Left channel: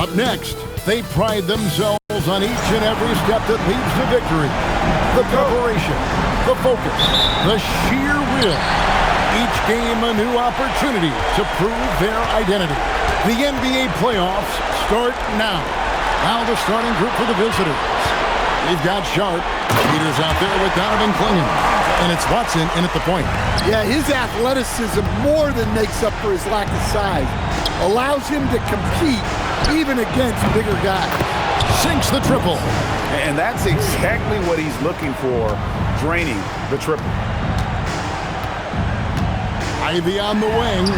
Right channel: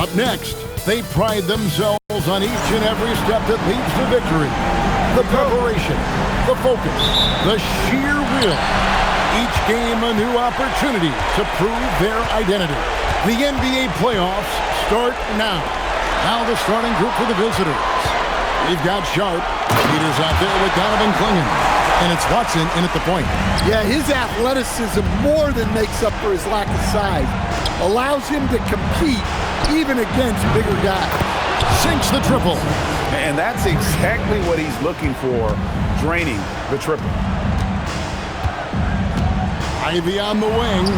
Up next, they pride themselves on each and every step that leads to victory. The preparation, the focus, the sheer will. Each game a new opportunity to prove their identity. The NBA playoffs start now. Now the starting group for the visitors. We've got Sharp. Peters out there with Donovan Clingan. And it's Watson in at the point. Yeah, his athleticism more than makes up for his lack of size. Allows him to compete even against bigger guys. Sinks the triple. And that's exactly what he's looking for, draining the triple. Ivy on the wing.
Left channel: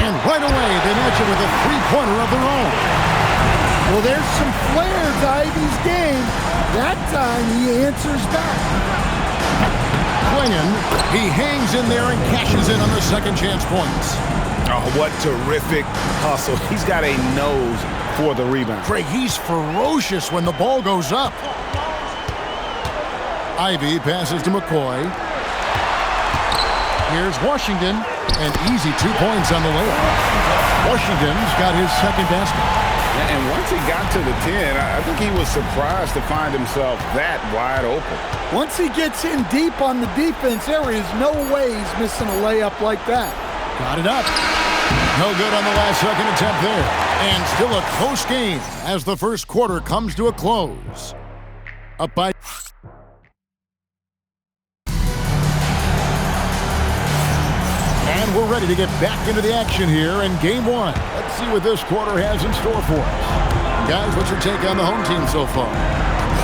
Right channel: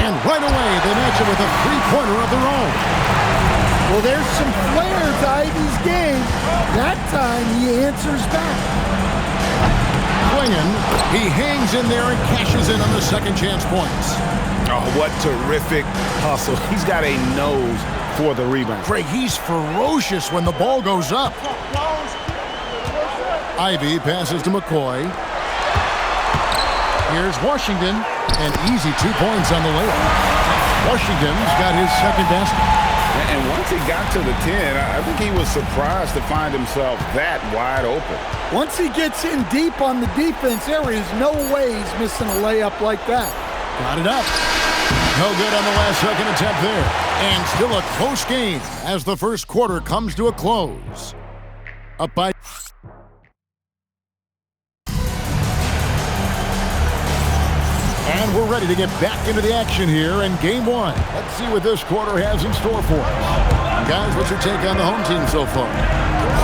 And right away, they match it with a three-pointer of their own. Well, there's some flair to Ivy's game. That time, he answers back. Clingan, he hangs in there and cashes in on the second chance points. Oh, what terrific hustle. He's got a nose for the rebound. Craig, he's ferocious when the ball goes up. Ivy passes to McCoy. Here's Washington, and easy 2 points on the layup. Washington's got his second basket. And once he got to the 10, I think he was surprised to find himself that wide open. Once he gets in deep on the defense, there is no way he's missing a layup like that. Got it up. No good on the last second attempt there. And still a close game as the first quarter comes to a close. Up by... And we're ready to get back into the action here in game one. Let's see what this quarter has in store for us. Guys, what's your take on the home team so far?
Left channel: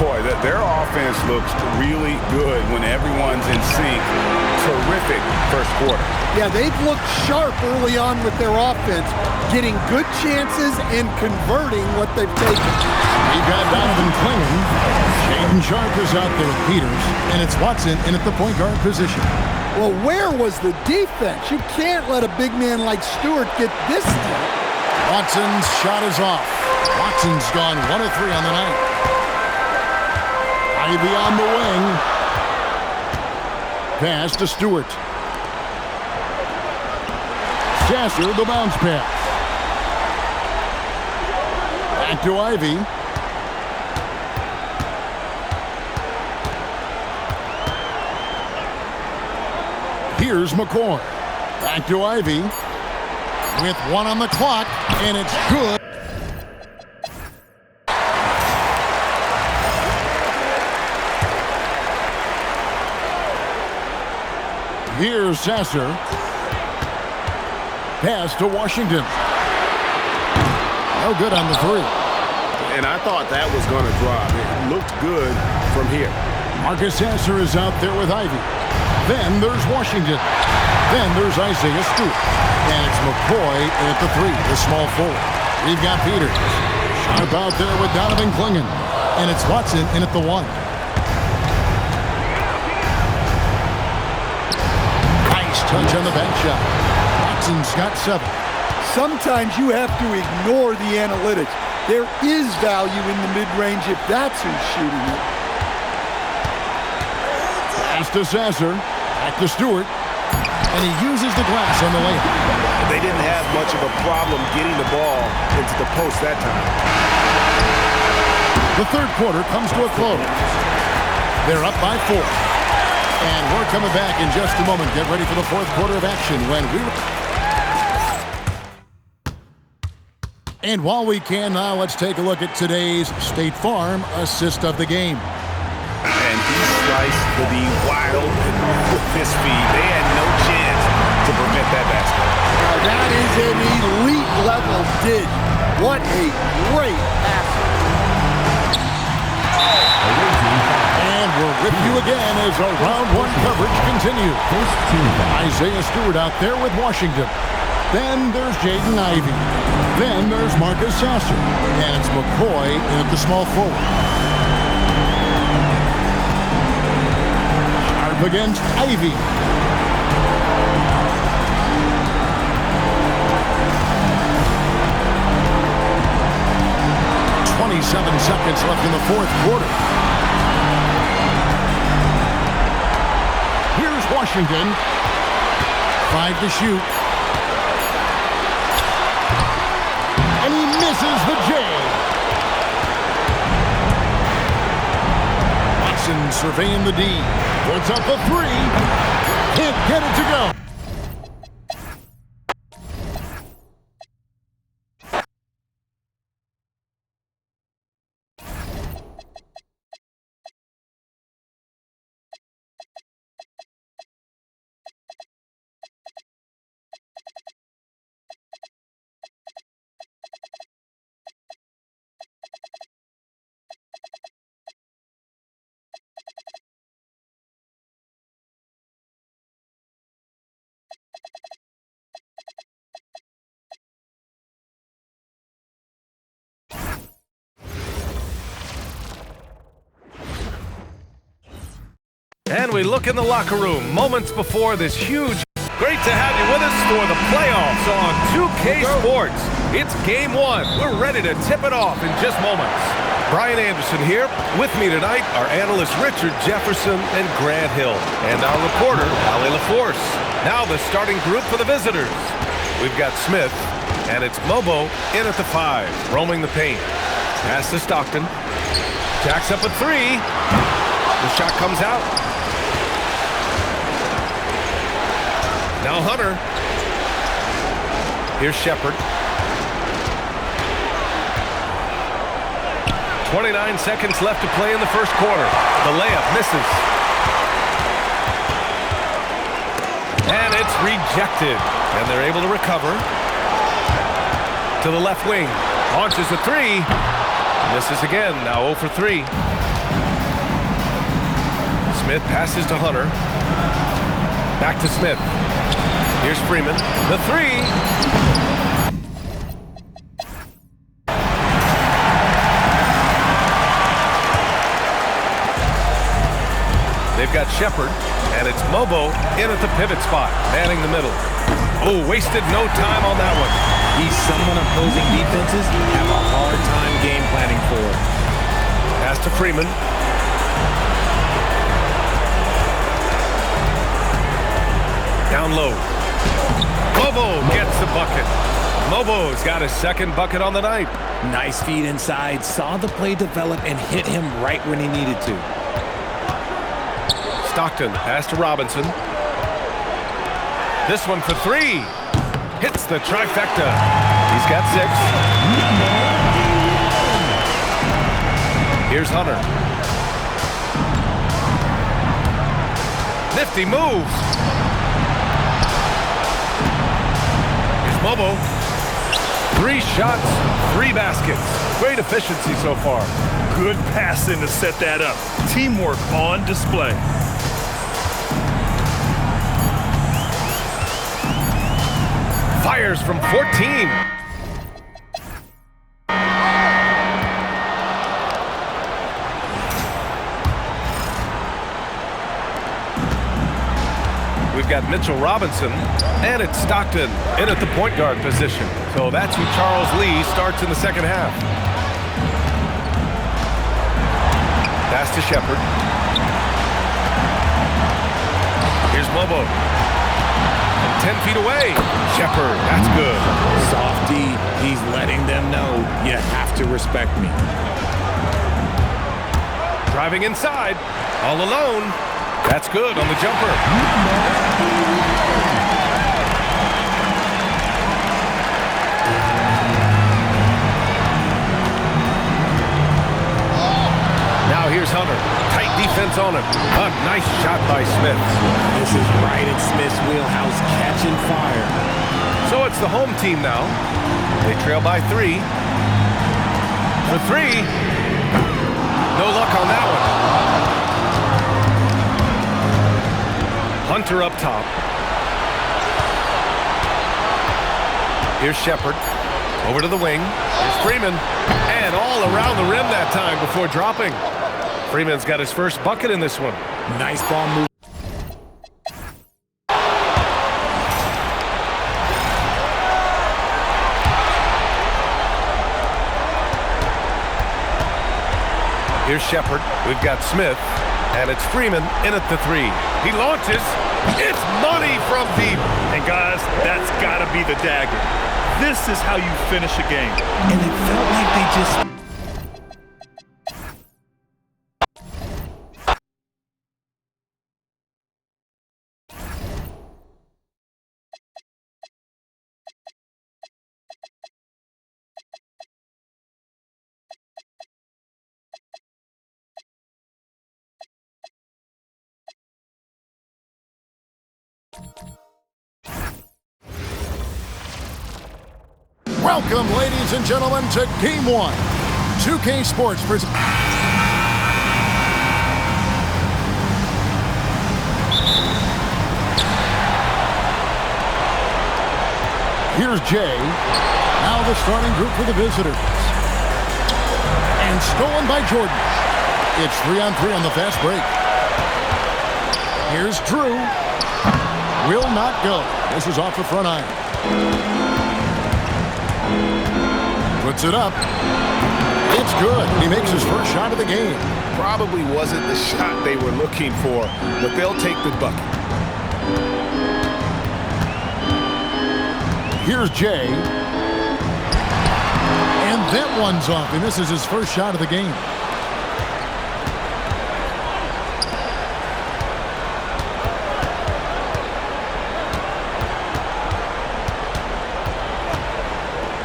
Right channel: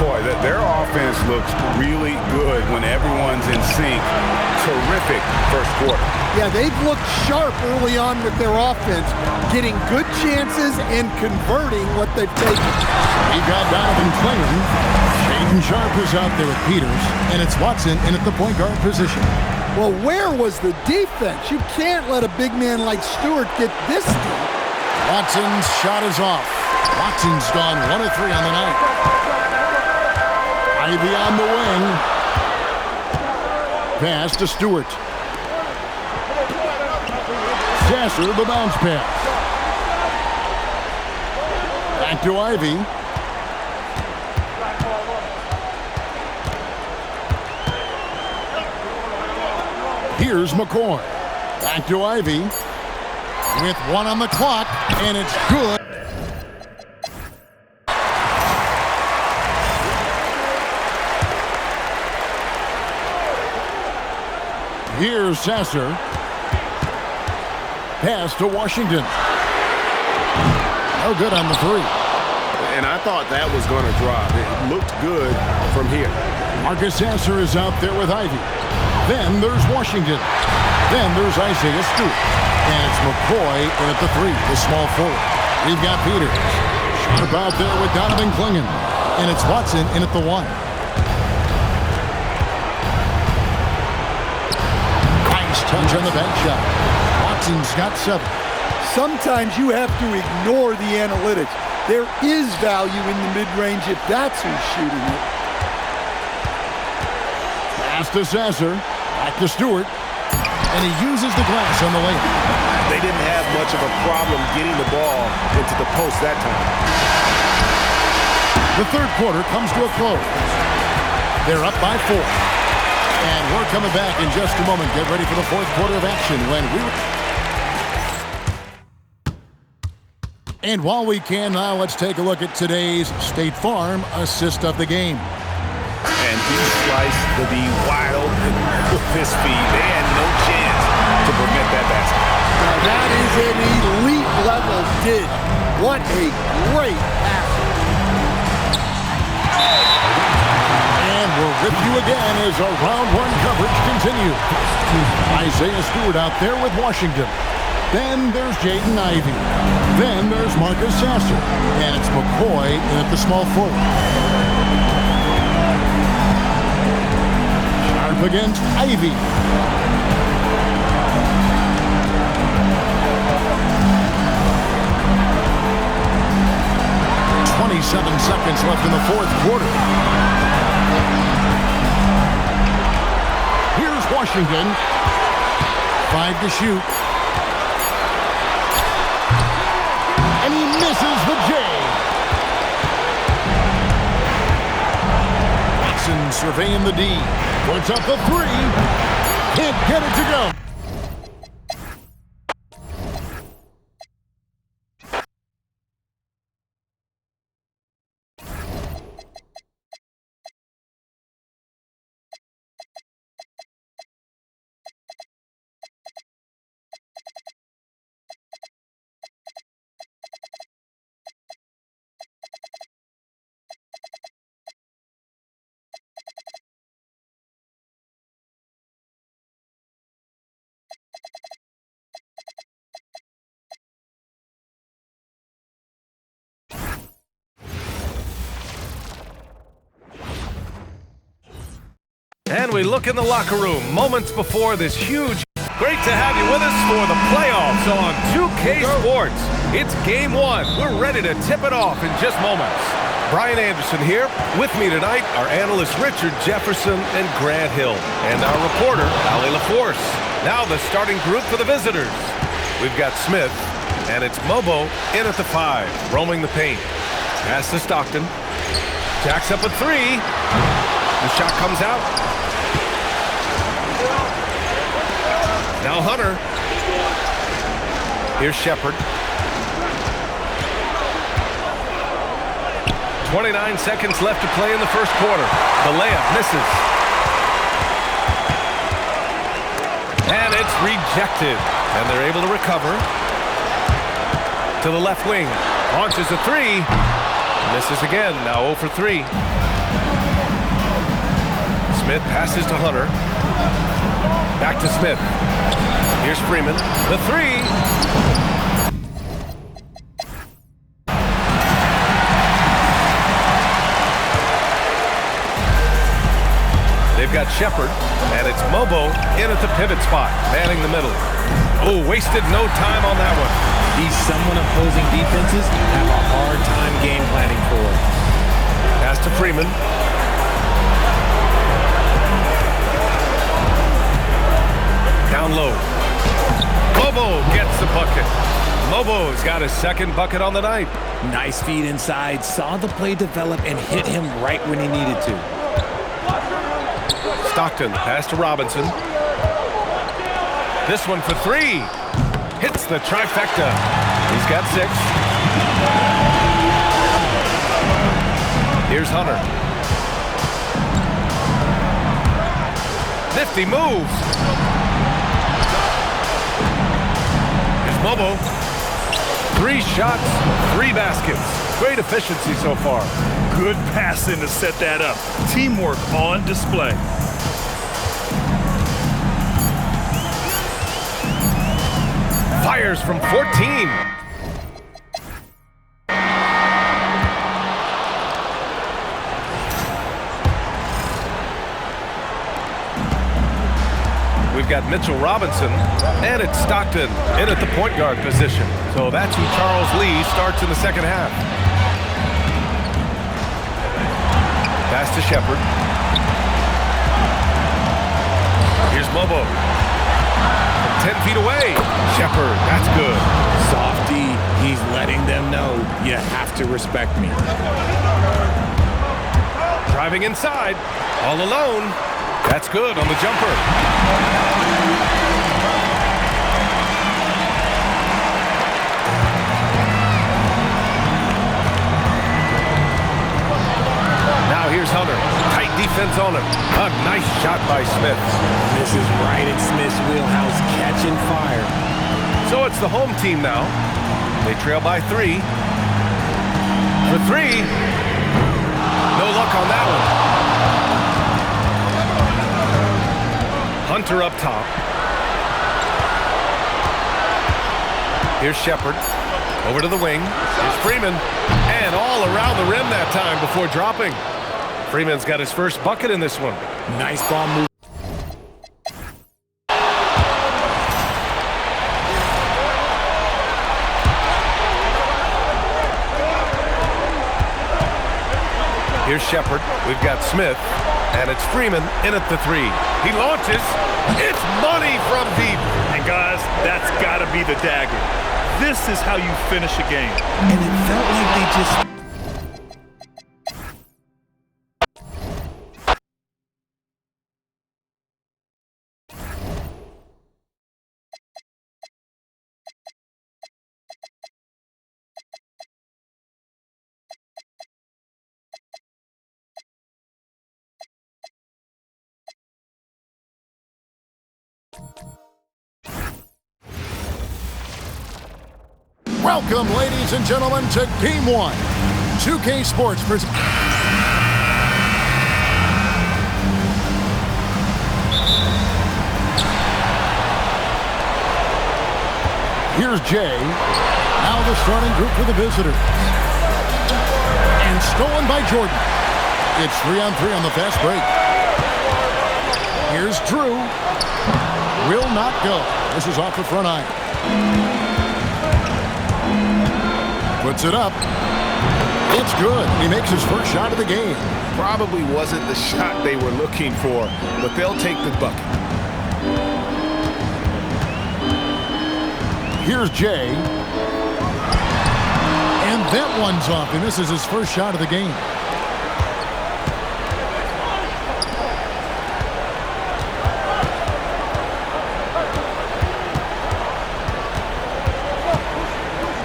Boy, their offense looks really good when everyone's in sync. Terrific first quarter. Yeah, they've looked sharp early on with their offense, getting good chances and converting what they've taken. We've got Donovan Clingan. Shaedon Sharp is out there with Peters, and it's Watson in at the point guard position. Well, where was the defense? You can't let a big man like Stewart get this deep. Watson's shot is off. Watson's gone 1 of 3 on the night. Ivy on the wing. Pass to Stewart. Sasser, the bounce pass. Back to Ivy. Here's McCoy. Back to Ivy. With 1 on the clock, and it's good. Here's Sasser. Pass to Washington. No good on the 3. And I thought that was going to drop. It looked good from here. Marcus Sasser is out there with Ivy. Then there's Washington. Then there's Isaiah Stewart. And it's McCoy in at the 3, the small forward. We've got Peters. Sharp out there with Donovan Clingan. And it's Watson in at the 1. Nice touch on the bank shot. Watson's got 7. Sometimes you have to ignore the analytics. There is value in the mid-range if that's who's shooting it. Pass to Sasser. Back to Stewart. And he uses the glass on the layup. They didn't have much of a problem getting the ball into the post that time. The third quarter comes to a close. They're up by 4. And we're coming back in just a moment. Get ready for the fourth quarter of action when we... And while we can now, let's take a look at today's State Farm assist of the game. And he sliced the D wide open with his feet. They had no chance to prevent that basket. Now that is an elite level dish. What a great pass. And we're with you again as our round 1 coverage continues. Isaiah Stewart out there with Washington. Then there's Jaden Ivey. Then there's Marcus Sasser. And it's McCoy in at the small forward. Sharp against Ivey. .27 seconds left in the fourth quarter. Here's Washington. 5 to shoot. And he misses the J. Watson surveying the D. Puts up the three. Can't get it to go. And we look in the locker room moments before this huge. Great to have you with us for the playoffs on 2K Sports. It's game one. We're ready to tip it off in just moments. Brian Anderson here. With me tonight are analysts Richard Jefferson and Grant Hill, and our reporter, Allie LaForce. Now the starting group for the visitors. We've got Smith, and it's Mobo in at the 5, roaming the paint. Pass to Stockton. Jacks up a 3. The shot comes out. Now Hunter. Here's Shepard. 29 seconds left to play in the first quarter. The layup misses. And it's rejected. And they're able to recover. To the left wing. Launches a 3. Misses again. Now 0 for 3. Smith passes to Hunter. Back to Smith. Here's Freeman. The 3. They've got Shepard, and it's Mobo in at the pivot spot, manning the middle. Oh, wasted no time on that one. He's someone opposing defenses have a hard time game planning for. Pass to Freeman. Down low. Mobo gets the bucket. Mobo's got his second bucket on the night. Nice feed inside, saw the play develop and hit him right when he needed to. Stockton, pass to Robinson. This one for 3. Hits the trifecta. He's got 6. Here's Hunter. Nifty moves. Here's Mobo. 3 shots, 3 baskets. Great efficiency so far. Good passing to set that up. Teamwork on display. Fires from 14. We've got Mitchell Robinson, and it's Stockton in at the point guard position. So that's who Charles Lee starts in the second half. Pass to Shepard. Here's Mobo. From 10 feet away. Shepard, that's good. Softy, he's letting them know, you have to respect me. Driving inside, all alone. That's good on the jumper. Now here's Hunter. Tight defense on him. A nice shot by Smith. This is right in Smith's wheelhouse, catching fire. So it's the home team now. They trail by 3. For 3. No luck on that one. Hunter up top. Here's Shepard. Over to the wing. Here's Freeman. And all around the rim that time before dropping. Freeman's got his first bucket in this one. Nice ball move. Here's Shepard. We've got Smith. And it's Freeman in at the 3. He launches. It's money from deep. And guys, that's got to be the dagger. This is how you finish a game. And it felt like they just... Welcome, ladies and gentlemen, to Game 1. 2K Sports presents... Here's Jay. Now the starting group for the visitors. And stolen by Jordan. It's 3-on-3 on the fast break. Here's Drew. Will not go. This is off the front iron. Puts it up. It's good. He makes his first shot of the game. Probably wasn't the shot they were looking for, but they'll take the bucket. Here's Jay. And that one's off, and this is his first shot of the game.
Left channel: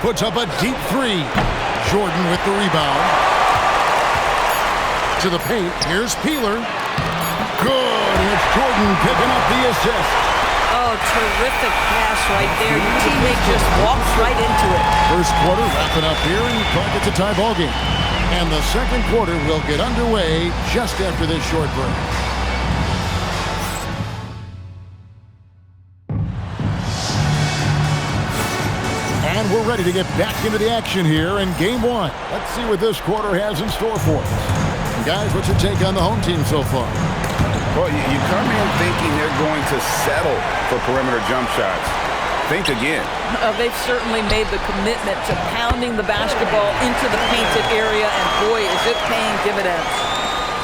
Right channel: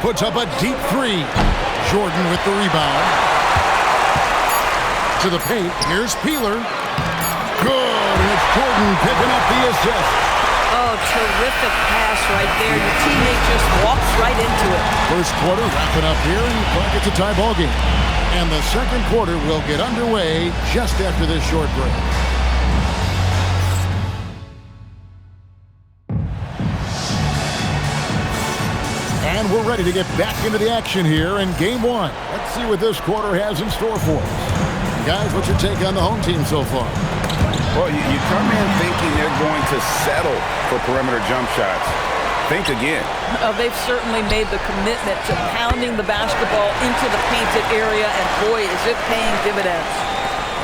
Puts up a deep three. Jordan with the rebound. To the paint. Here's Peeler. Good, and it's Jordan picking up the assist. Oh, terrific pass right there. Your teammate just walks right into it. First quarter wrapping up here, and Clark, it's a tie ball game. And the second quarter will get underway just after this short break. And we're ready to get back into the action here in Game 1. Let's see what this quarter has in store for us. And guys, what's your take on the home team so far? Well, you come in thinking they're going to settle for perimeter jump shots. Think again. They've certainly made the commitment to pounding the basketball into the painted area, and boy, is it paying dividends.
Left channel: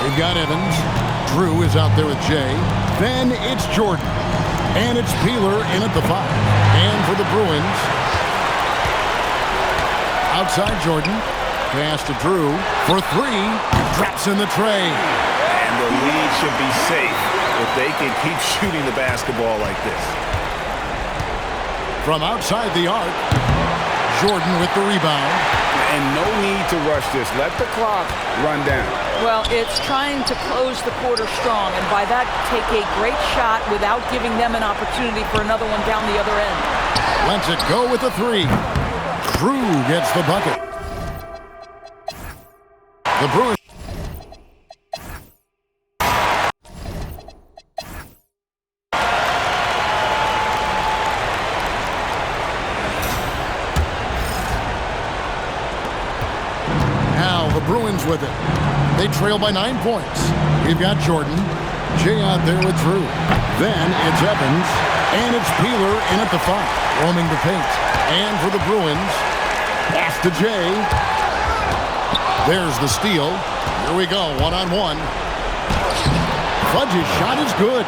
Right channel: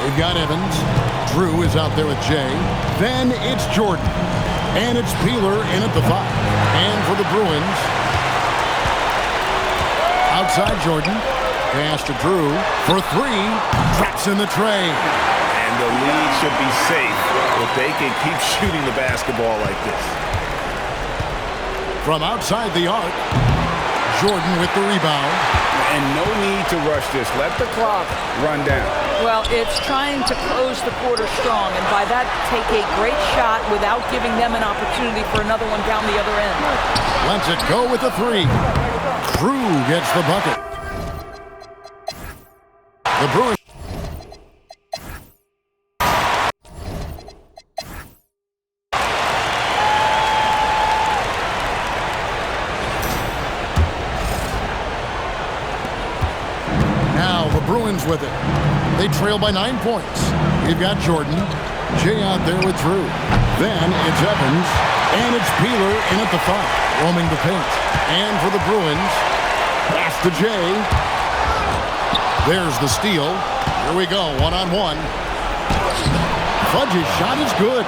We've got Evans. Drew is out there with Jay. Then it's Jordan. And it's Peeler in at the 5. And for the Bruins, outside Jordan. Pass to Drew for 3. Traps in the tray. And the lead should be safe if they can keep shooting the basketball like this. From outside the arc, Jordan with the rebound. And no need to rush this. Let the clock run down. Well, it's trying to close the quarter strong, and by that, take a great shot without giving them an opportunity for another one down the other end. Lets it go with the 3. Drew gets the bucket. The Bruins. Now the Bruins with it. They trail by 9 points. We've got Jordan. Jay out there with Drew. Then it's Evans. And it's Peeler in at the 5. Roaming the paint. And for the Bruins, pass to Jay. There's the steal. Here we go, one-on-one. Fudge's shot is good.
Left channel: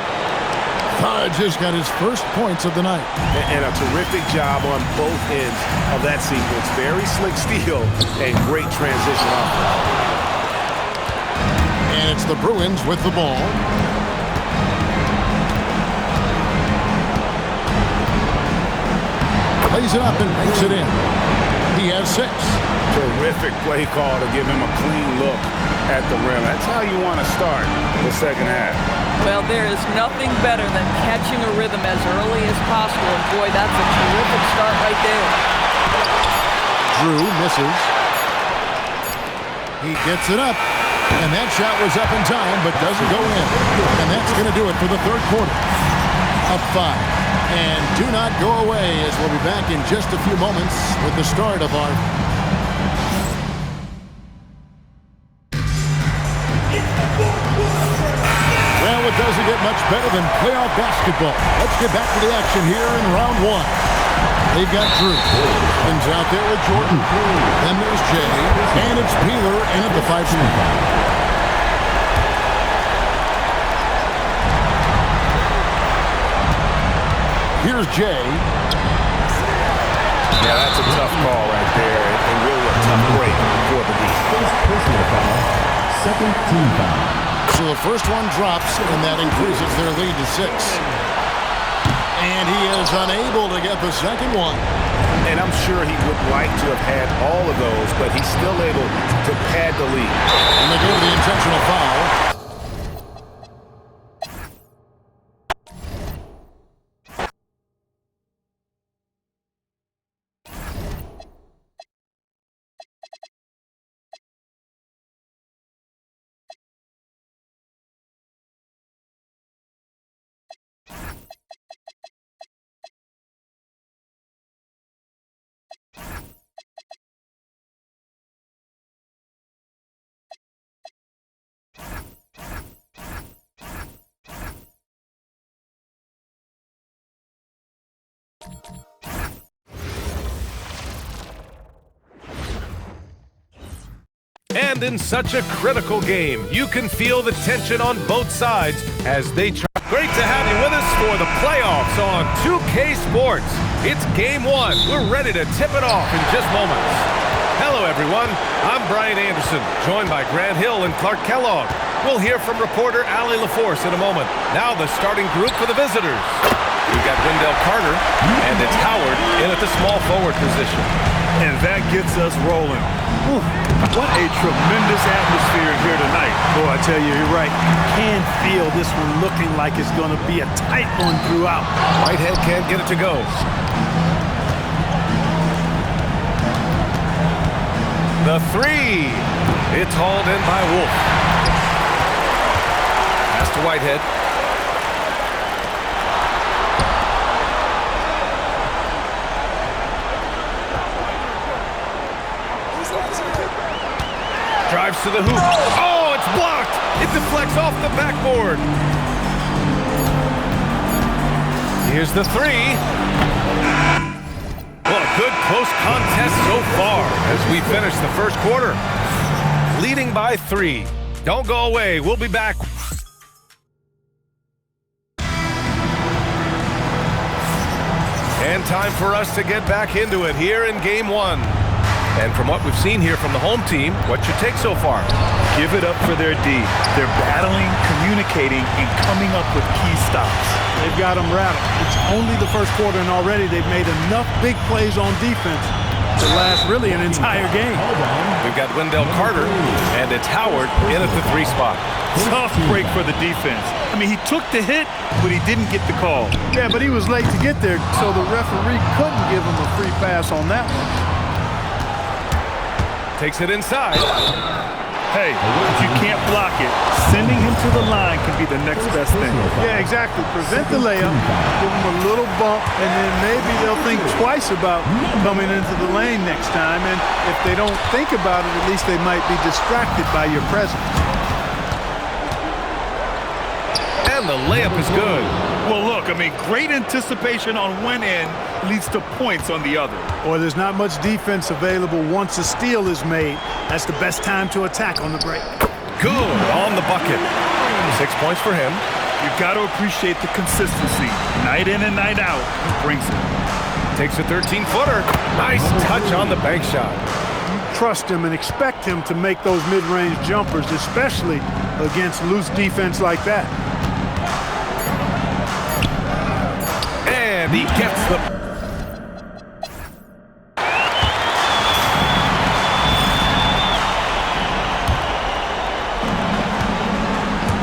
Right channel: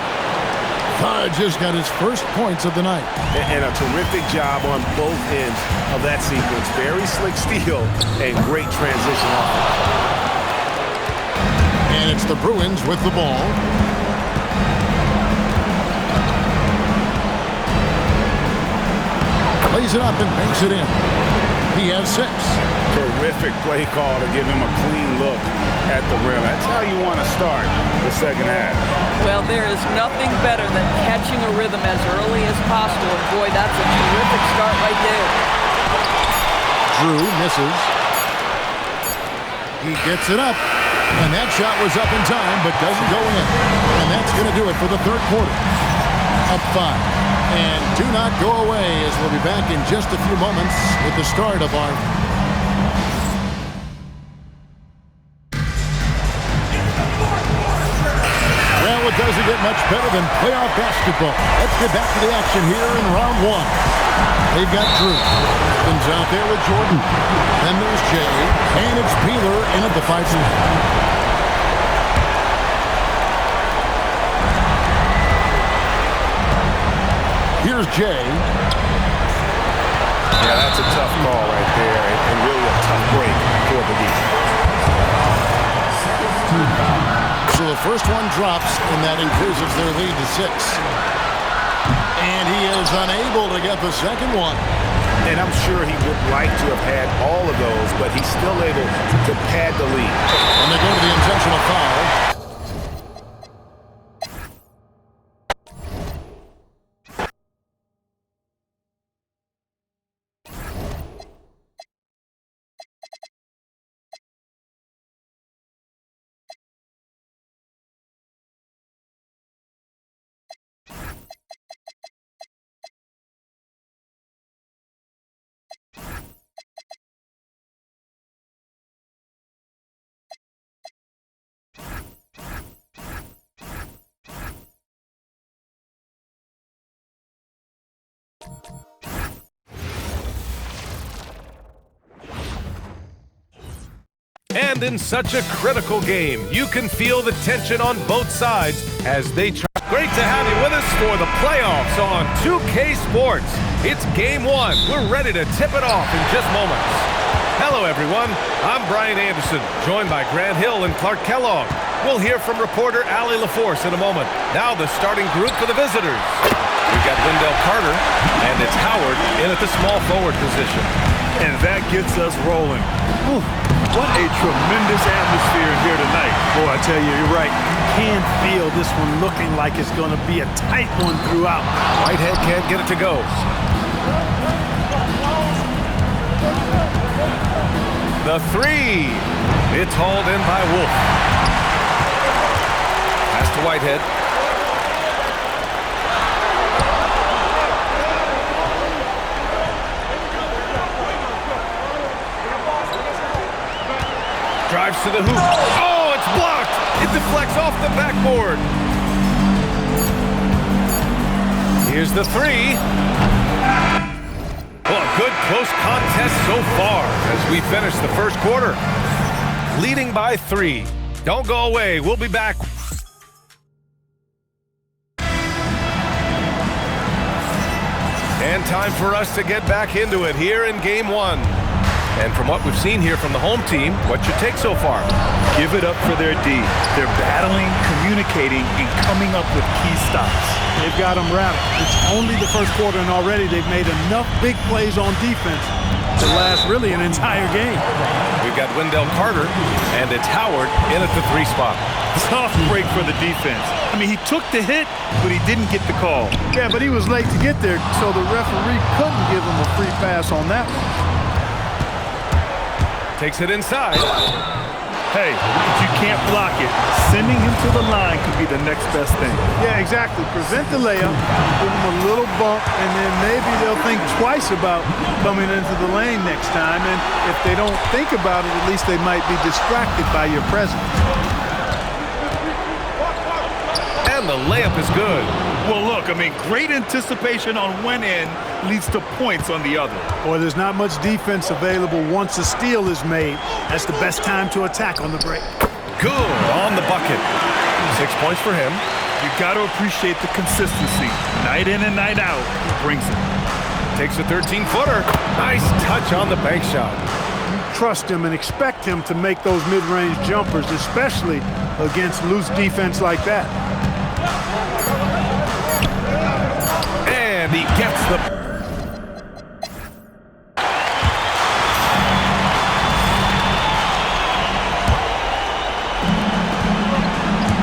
Fudge has got his first points of the night. And a terrific job on both ends of that sequence. Very slick steal and great transition offense. And it's the Bruins with the ball. Plays it up and banks it in. He has 6. Terrific play call to give him a clean look at the rim. That's how you want to start the second half. Well, there is nothing better than catching a rhythm as early as possible, and boy, that's a terrific start right there. Drew misses. He gets it up, and that shot was up in time, but doesn't go in. And that's going to do it for the third quarter. Up 5. And do not go away, as we'll be back in just a few moments with the start of our... Well, it doesn't get much better than playoff basketball. Let's get back to the action here in round 1. They've got Drew. Evans out there with Jordan. Then there's Jay. And it's Peeler in at the 5-point. Here's Jay. Yeah, that's a tough call right there, and really a tough break for the D. Second team foul. So the first one drops, and that increases their lead to 6. And he is unable to get the second one. And I'm sure he would like to have had all of those, but he's still able to pad the lead. And they go to the intentional foul. And in such a critical game, you can feel the tension on both sides as they try. Great to have you with us for the playoffs on 2K Sports. It's Game 1. We're ready to tip it off in just moments. Hello, everyone. I'm Brian Anderson, joined by Grant Hill and Clark Kellogg. We'll hear from reporter Allie LaForce in a moment. Now the starting group for the visitors. We've got Wendell Carter, and it's Howard in at the small forward position. And that gets us rolling. Whew. What a tremendous atmosphere here tonight. Boy, I tell you, you're right. You can feel this one looking like it's going to be a tight one throughout. Whitehead can't get it to go. The three. It's hauled in by Wolf. Pass to Whitehead. Drives to the hoop. Oh, it's blocked. It deflects off the backboard. Here's the three. Well, a good close contest so far as we finish the first quarter. Leading by 3. Don't go away. We'll be back. And time for us to get back into it here in Game 1. And from what we've seen here from the home team, what's your take so far? Give it up for their D. They're battling, communicating, and coming up with key stops. They've got them rattled. It's only the first quarter, and already they've made enough big plays on defense to last really an entire game. We've got Wendell Carter, and it's Howard in at the 3 spot. Tough break for the defense. I mean, he took the hit, but he didn't get the call. Yeah, but he was late to get there, so the referee couldn't give him a free pass on that one. Takes it inside. Hey, if you can't block it, sending him to the line could be the next best thing. Yeah, exactly. Prevent the layup, give him a little bump, and then maybe they'll think twice about coming into the lane next time. And if they don't think about it, at least they might be distracted by your presence. And the layup is good. Well, look, I mean, great anticipation on one end leads to points on the other. Boy, there's not much defense available once a steal is made. That's the best time to attack on the break. Good on the bucket. 6 points for him. You got to appreciate the consistency. Night in and night out, he brings it. Takes a 13-footer. Nice touch on the bank shot. You trust him and expect him to make those mid-range jumpers, especially against loose defense like that. And he gets the...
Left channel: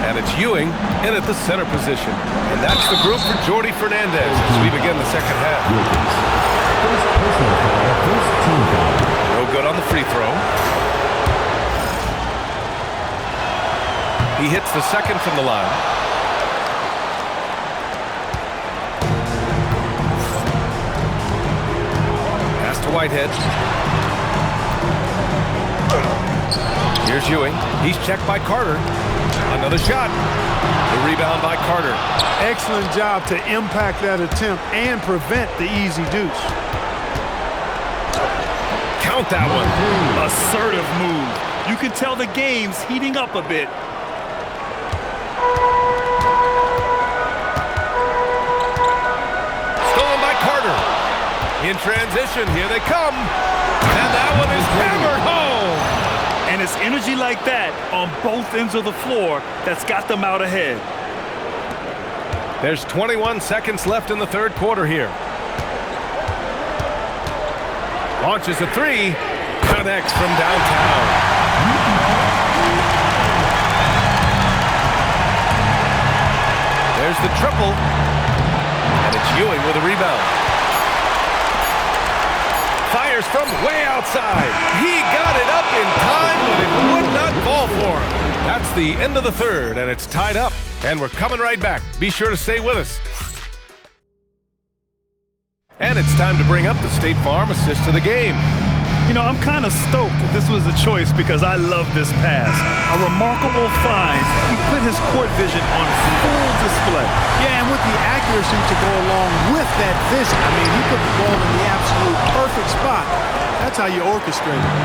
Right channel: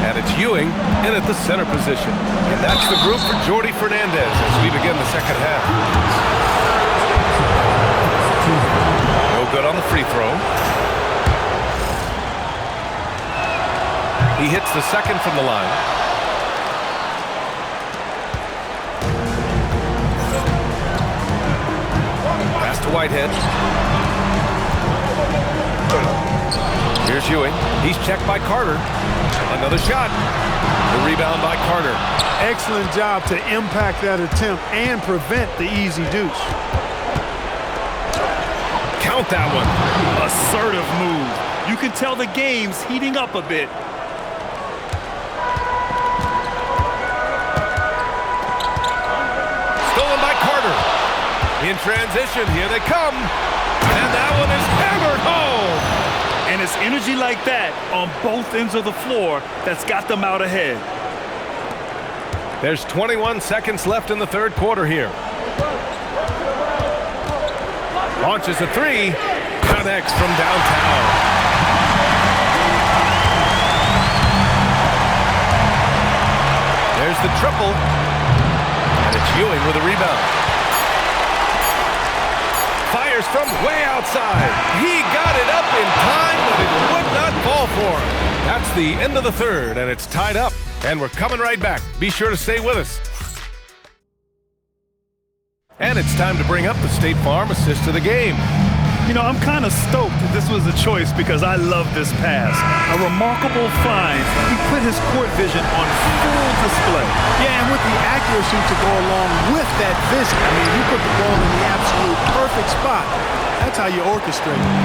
And it's Ewing in at the center position. And that's the group for Jordy Fernandez as we begin the second half. No good on the free throw. He hits the second from the line. Pass to Whitehead. Here's Ewing. He's checked by Carter. Another shot. The rebound by Carter. Excellent job to impact that attempt and prevent the easy deuce. Count that one. Assertive move. You can tell the game's heating up a bit. Stolen by Carter. In transition, here they come. And that one is hammered home. And it's energy like that on both ends of the floor that's got them out ahead. There's 21 seconds left in the third quarter here. Launches a three. Connects from downtown. There's the triple. And it's Ewing with a rebound. Fires from way outside. He got it up in time, but it would not fall for him. That's the end of the third, and it's tied up. And we're coming right back. Be sure to stay with us. And it's time to bring up the State Farm assist of the game. You know, I'm kind of stoked that this was a choice because I love this pass. A remarkable find. He put his court vision on full display. Yeah, and with the accuracy to go along with that vision. I mean, he put the ball in the absolute perfect spot. That's how you orchestrate it.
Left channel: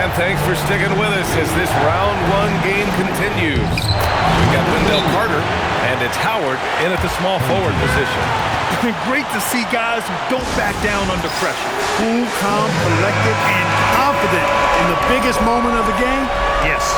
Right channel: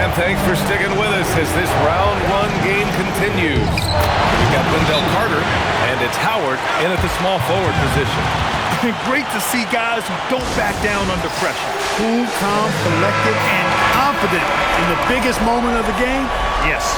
And thanks for sticking with us as this round one game continues. We've got Wendell Carter, and it's Howard in at the small forward position. Great to see guys who don't back down under pressure. Cool, calm, collected, and confident in the biggest moment of the game. Yes.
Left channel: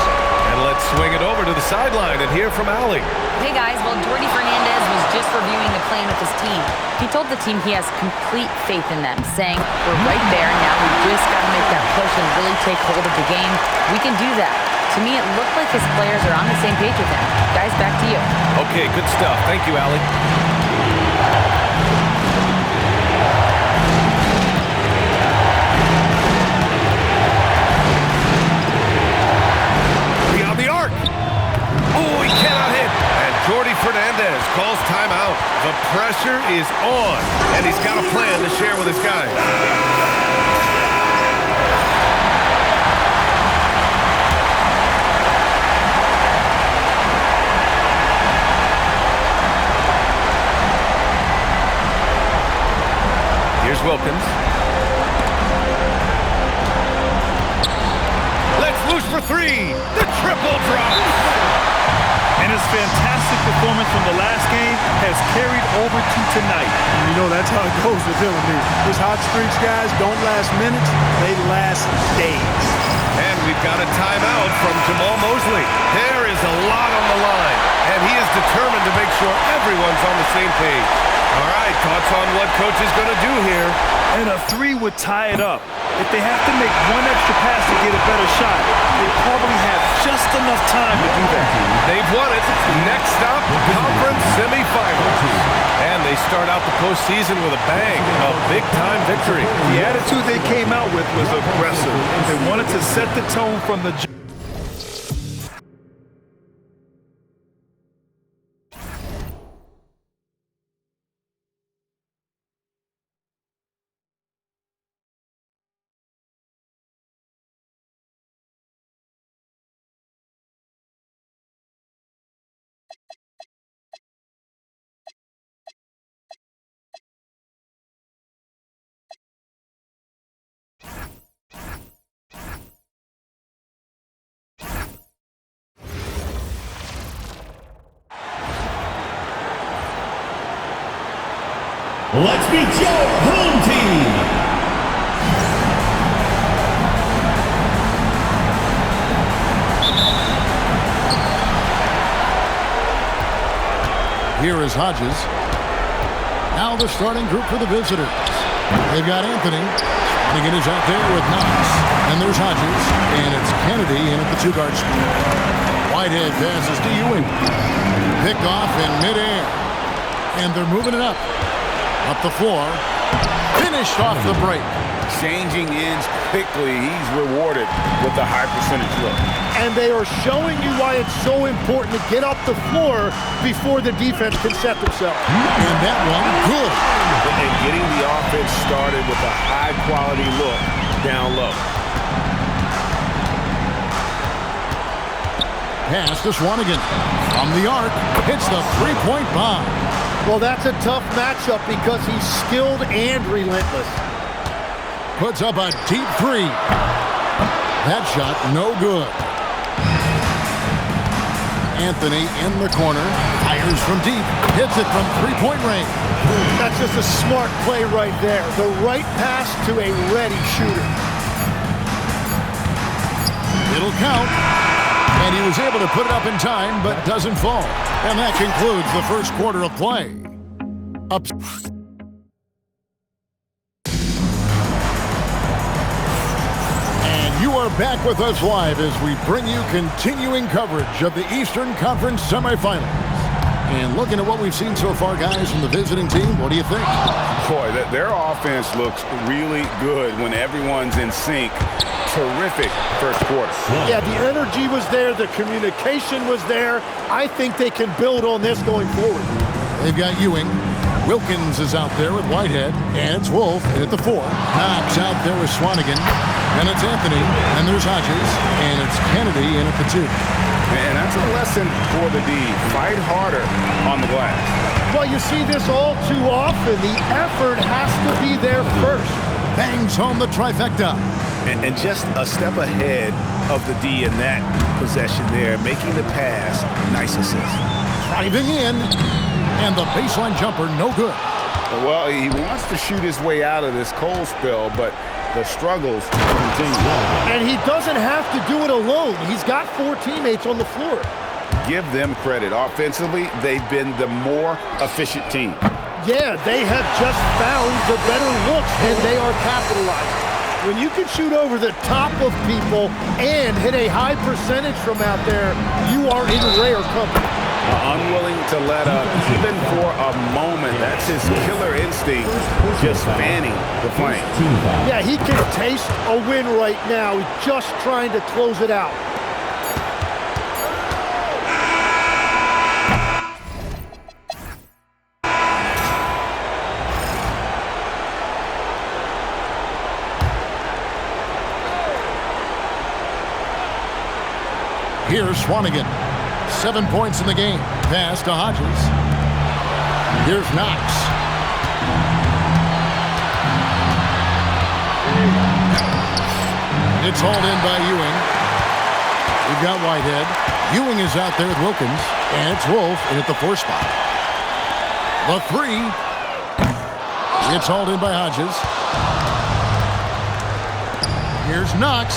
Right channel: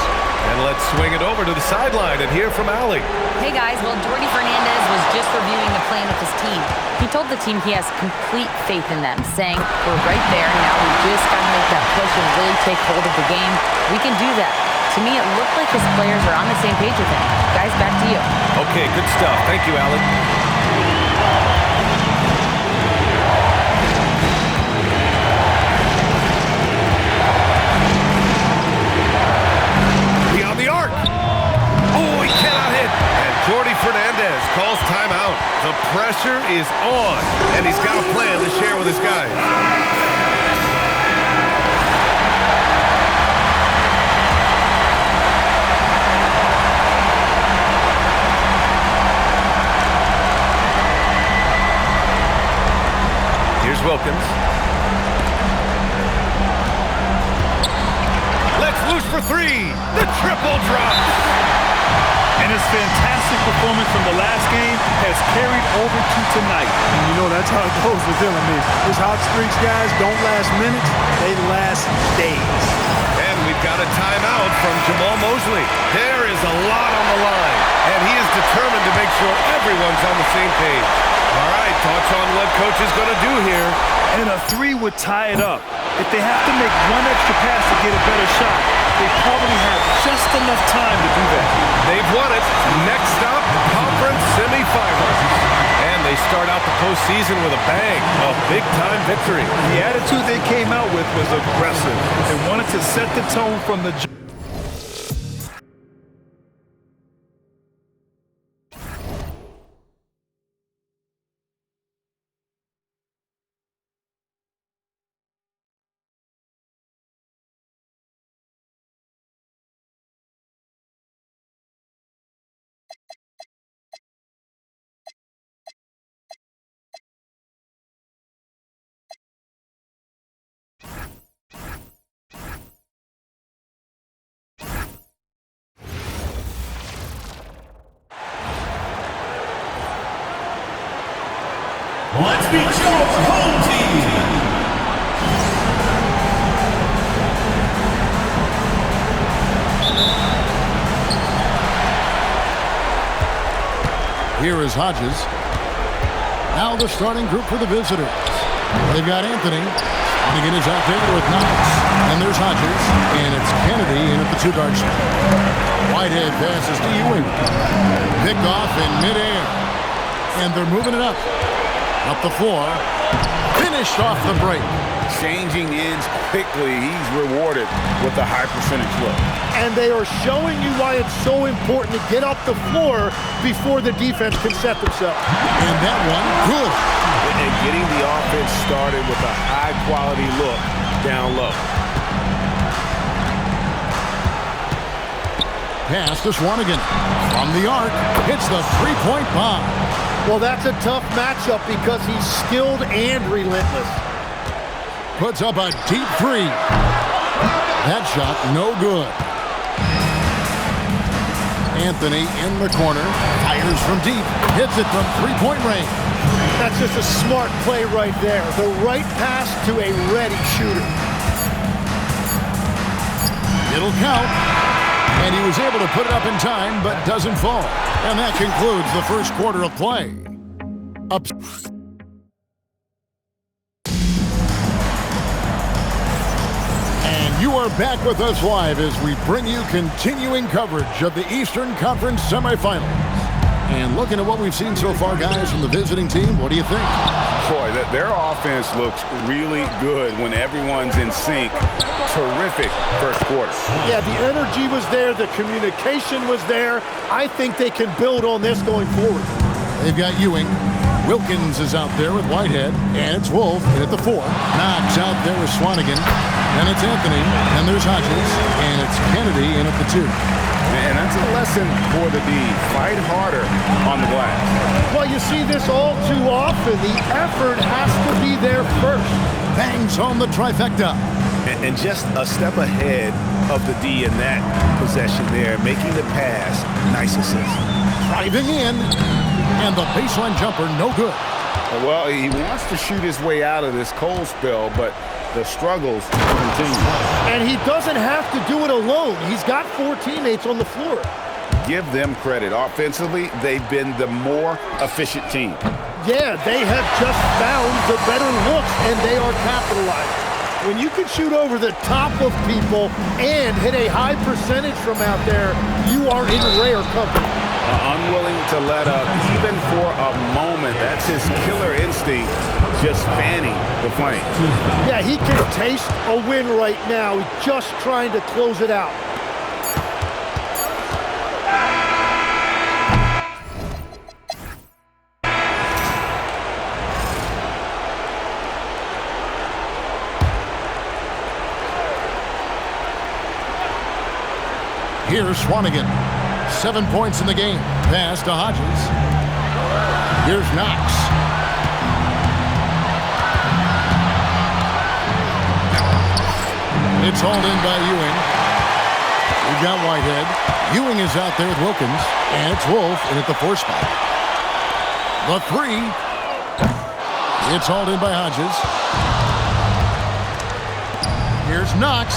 And let's swing it over to the sideline and hear from Allie. Hey guys, well, Jordy Fernandez was just reviewing the plan with his team. He told the team he has complete faith in them, saying, we're right there, now we just got to make that push and really take hold of the game. We can do that. To me, it looked like his players are on the same page with him. Guys, back to you. Okay, good stuff. Thank you, Allie. Beyond the arc. Oh, he cannot hit. And Jordy Fernandez calls timeout. The pressure is on, and he's got a plan to share with his guys. Here's Wilkins. Let's loose for three. The triple drops. And his fantastic performance from the last game has carried over to tonight. And you know, that's how it goes with him. I mean, his hot streaks, guys, don't last minutes. They last days. And we've got a timeout from Jamal Mosley. There is a lot on the line, and he is determined to make sure everyone's on the same page. All right, thoughts on what coach is going to do here? And a three would tie it up. If they have to make one extra pass to get a better shot, they probably have just enough time to do that. They've won it. Next stop, conference semifinals. And they start out the postseason with a bang, a big-time victory. The attitude they came out with was aggressive. They wanted to set the tone from the jump. Let's meet your home team. Here is Hodges. Now the starting group for the visitors. They've got Anthony. Swanigan is out there with Knox. And there's Hodges. And it's Kennedy in at the two-guard spot. Whitehead passes to Ewing. Pick off in midair. And they're moving it up. Up the floor. Finished off the break. Changing ends quickly. He's rewarded with a high percentage look. And they are showing you why it's so important to get off the floor before the defense can set themselves. And that one, good. And getting the offense started with a high-quality look down low. Pass to Swanigan. From the arc, hits the three-point bomb. Well, that's a tough matchup because he's skilled and relentless. Puts up a deep three. That shot, no good. Anthony in the corner. Fires from deep. Hits it from three-point range. That's just a smart play right there. The right pass to a ready shooter. It'll count. And he was able to put it up in time, but doesn't fall. And that concludes the first quarter of play. Up. And you are back with us live as we bring you continuing coverage of the Eastern Conference semifinals. And looking at what we've seen so far, guys, from the visiting team, what do you think? Boy, their offense looks really good when everyone's in sync. Terrific first quarter. Yeah, the energy was there. The communication was there. I think they can build on this going forward. They've got Ewing. Wilkins is out there with Whitehead. And it's Wolf in at the 4. Knox out there with Swanigan. Then it's Anthony. And there's Hodges. And it's Kennedy in at the 2. And that's a lesson for the D. Fight harder on the glass. Well, you see this all too often. The effort has to be there first. Bangs home the trifecta. And just a step ahead of the D in that possession there, making the pass. Nice assist. Driving in. And the baseline jumper, no good. Well, he wants to shoot his way out of this cold spell, but the struggles continue. And he doesn't have to do it alone. He's got 4 teammates on the floor. Give them credit. Offensively, they've been the more efficient team. Yeah, they have just found the better looks, and they are capitalizing. When you can shoot over the top of people and hit a high percentage from out there, you are in rare company. Unwilling to let up, even for a moment. That's his killer instinct, just fanning the flame. Yeah, he can taste a win right now. He's just trying to close it out. Here's Swanigan. 7 points in the game. Pass to Hodges. Here's Knox. It's hauled in by Ewing. We've got Whitehead. Ewing is out there with Wilkins. And it's Wolf in at the 4 spot. The 3. It's hauled in by Hodges. Here's Knox.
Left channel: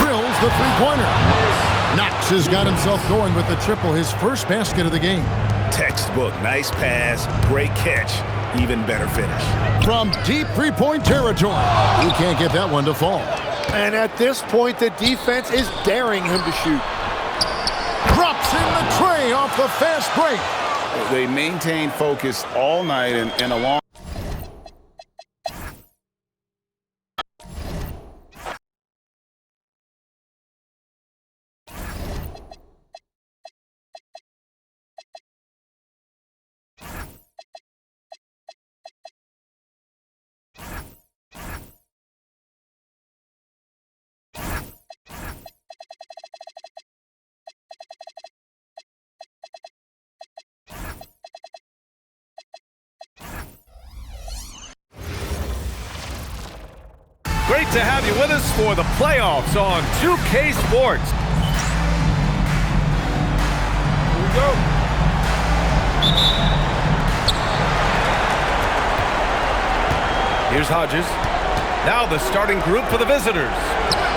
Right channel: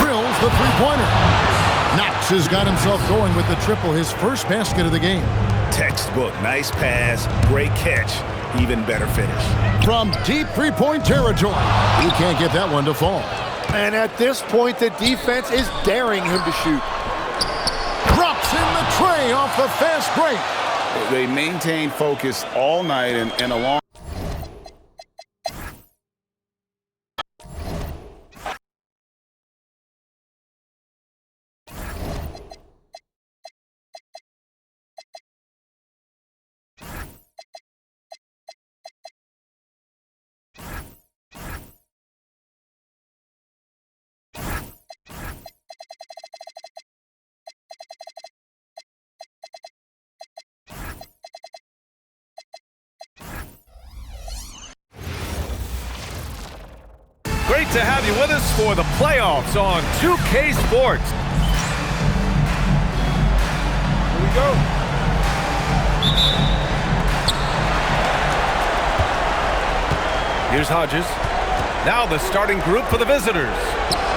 Drills the 3-pointer. Knox has got himself going with the triple, his first basket of the game. Textbook, nice pass, great catch, even better finish. From deep 3-point territory, he can't get that one to fall. And at this point, the defense is daring him to shoot. Drops in the tray off the fast break. They maintain focus all night and along. Great to have you with us for the playoffs on 2K Sports. Here we go. Here's Hodges. Now the starting group for the visitors.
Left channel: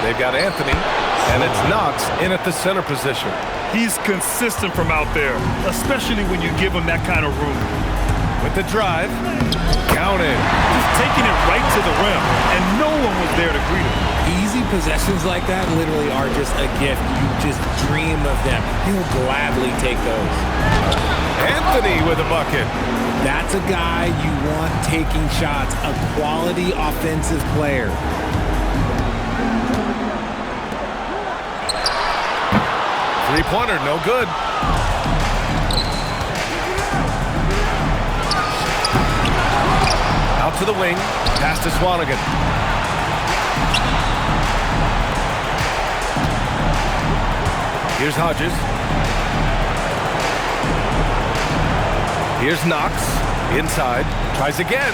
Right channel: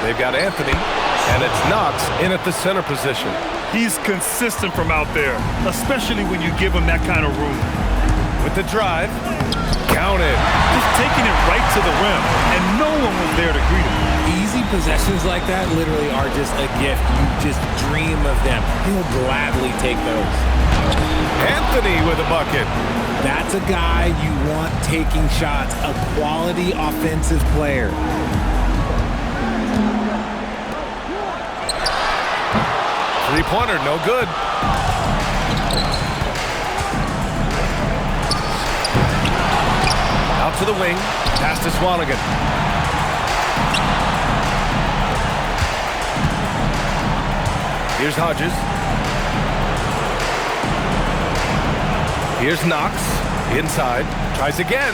They've got Anthony, and it's Knox in at the center position. He's consistent from out there, especially when you give him that kind of room. With the drive, counted. Just taking it right to the rim, and no one was there to greet him. Easy possessions like that literally are just a gift. You just dream of them. He'll gladly take those. Anthony with a bucket. That's a guy you want taking shots, a quality offensive player. Three-pointer, no good. Out to the wing, pass to Swanigan. Here's Hodges. Here's Knox, inside, tries again.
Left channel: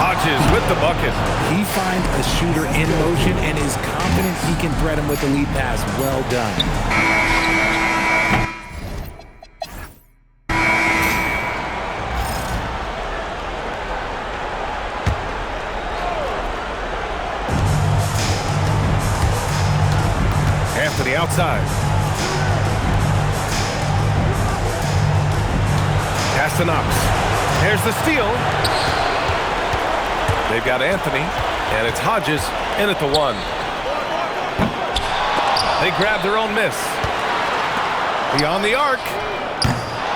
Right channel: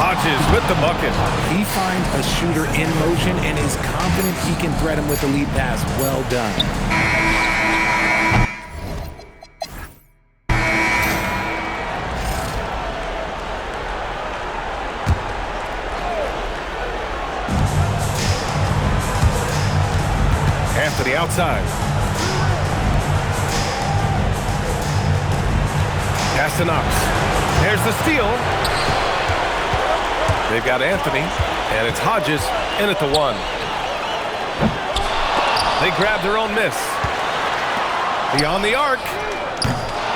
Hodges with the bucket. He finds a shooter in motion and is confident he can thread him with the lead pass. Well done. Anthony outside. Pass to Knox. There's the steal. They've got Anthony, and it's Hodges in at the 1. They grab their own miss. Beyond the arc.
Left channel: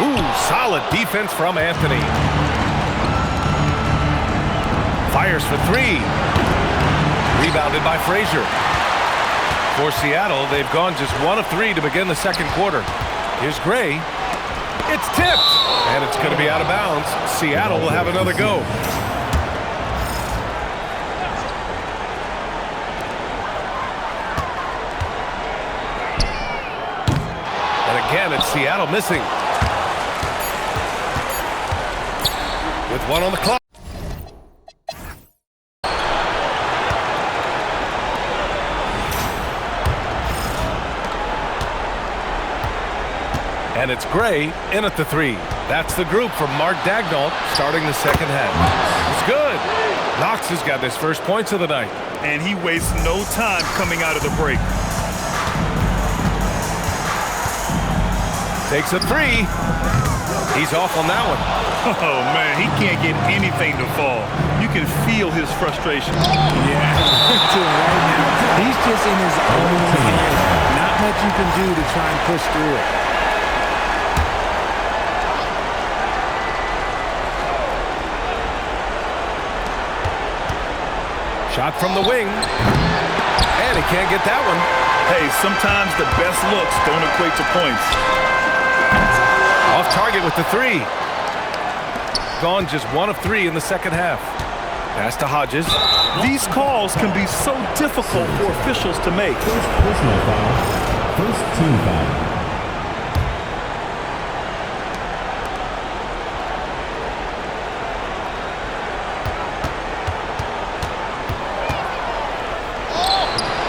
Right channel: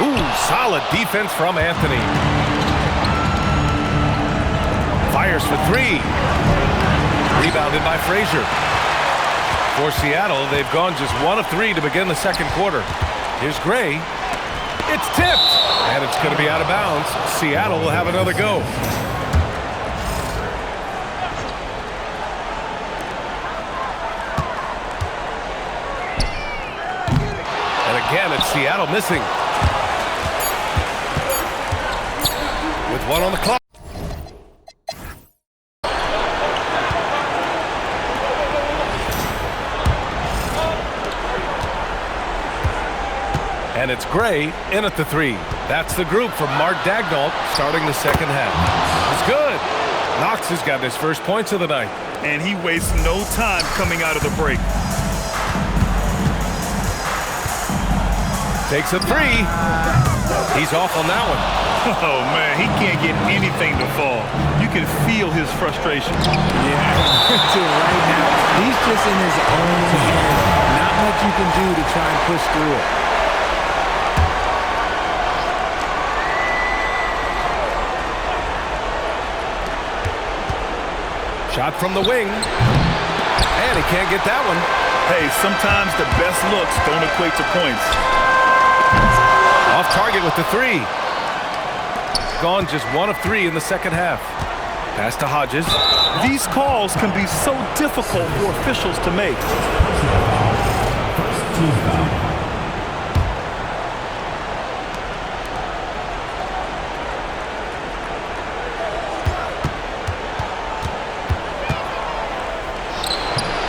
Ooh, solid defense from Anthony. Fires for 3. Rebounded by Frazier. For Seattle, they've gone just 1 of 3 to begin the second quarter. Here's Gray. It's tipped, and it's going to be out of bounds. Seattle will have another go. And again, it's Seattle missing. With 1 on the clock. And it's Gray in at the 3. That's the group from Mark Daigneault starting the second half. It's good. Knox has got his first points of the night. And he wastes no time coming out of the break. Takes a 3. He's off on that one. Oh, man, he can't get anything to fall. You can feel his frustration. Yeah, right now, he's just in his own head. Not much you can do to try and push through it. Shot from the wing. And he can't get that one. Hey, sometimes the best looks don't equate to points. Off target with the 3. Gone just 1 of 3 in the second half. Pass to Hodges. These calls can be so difficult for officials to make. Personal foul. First team foul.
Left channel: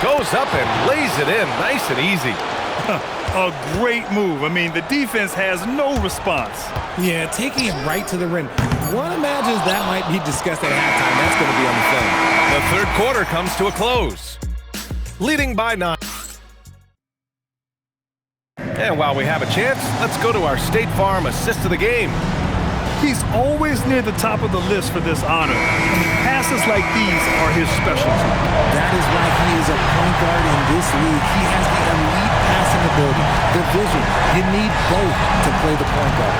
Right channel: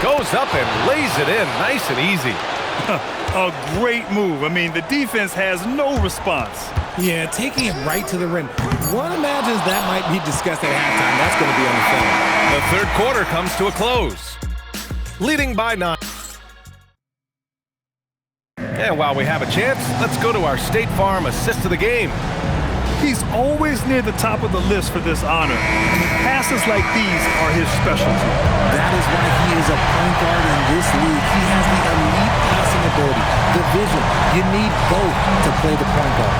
Goes up and lays it in nice and easy. A great move. I mean, the defense has no response. Yeah, taking it right to the rim. One imagines that might be discussed at halftime. That's going to be on the film. The third quarter comes to a close. Leading by 9. And while we have a chance, let's go to our State Farm assist of the game. He's always near the top of the list for this honor. I mean, passes like these are his specialty. That is why he is a point guard in this league. He has the elite passing ability, the vision. You need both to play the point guard.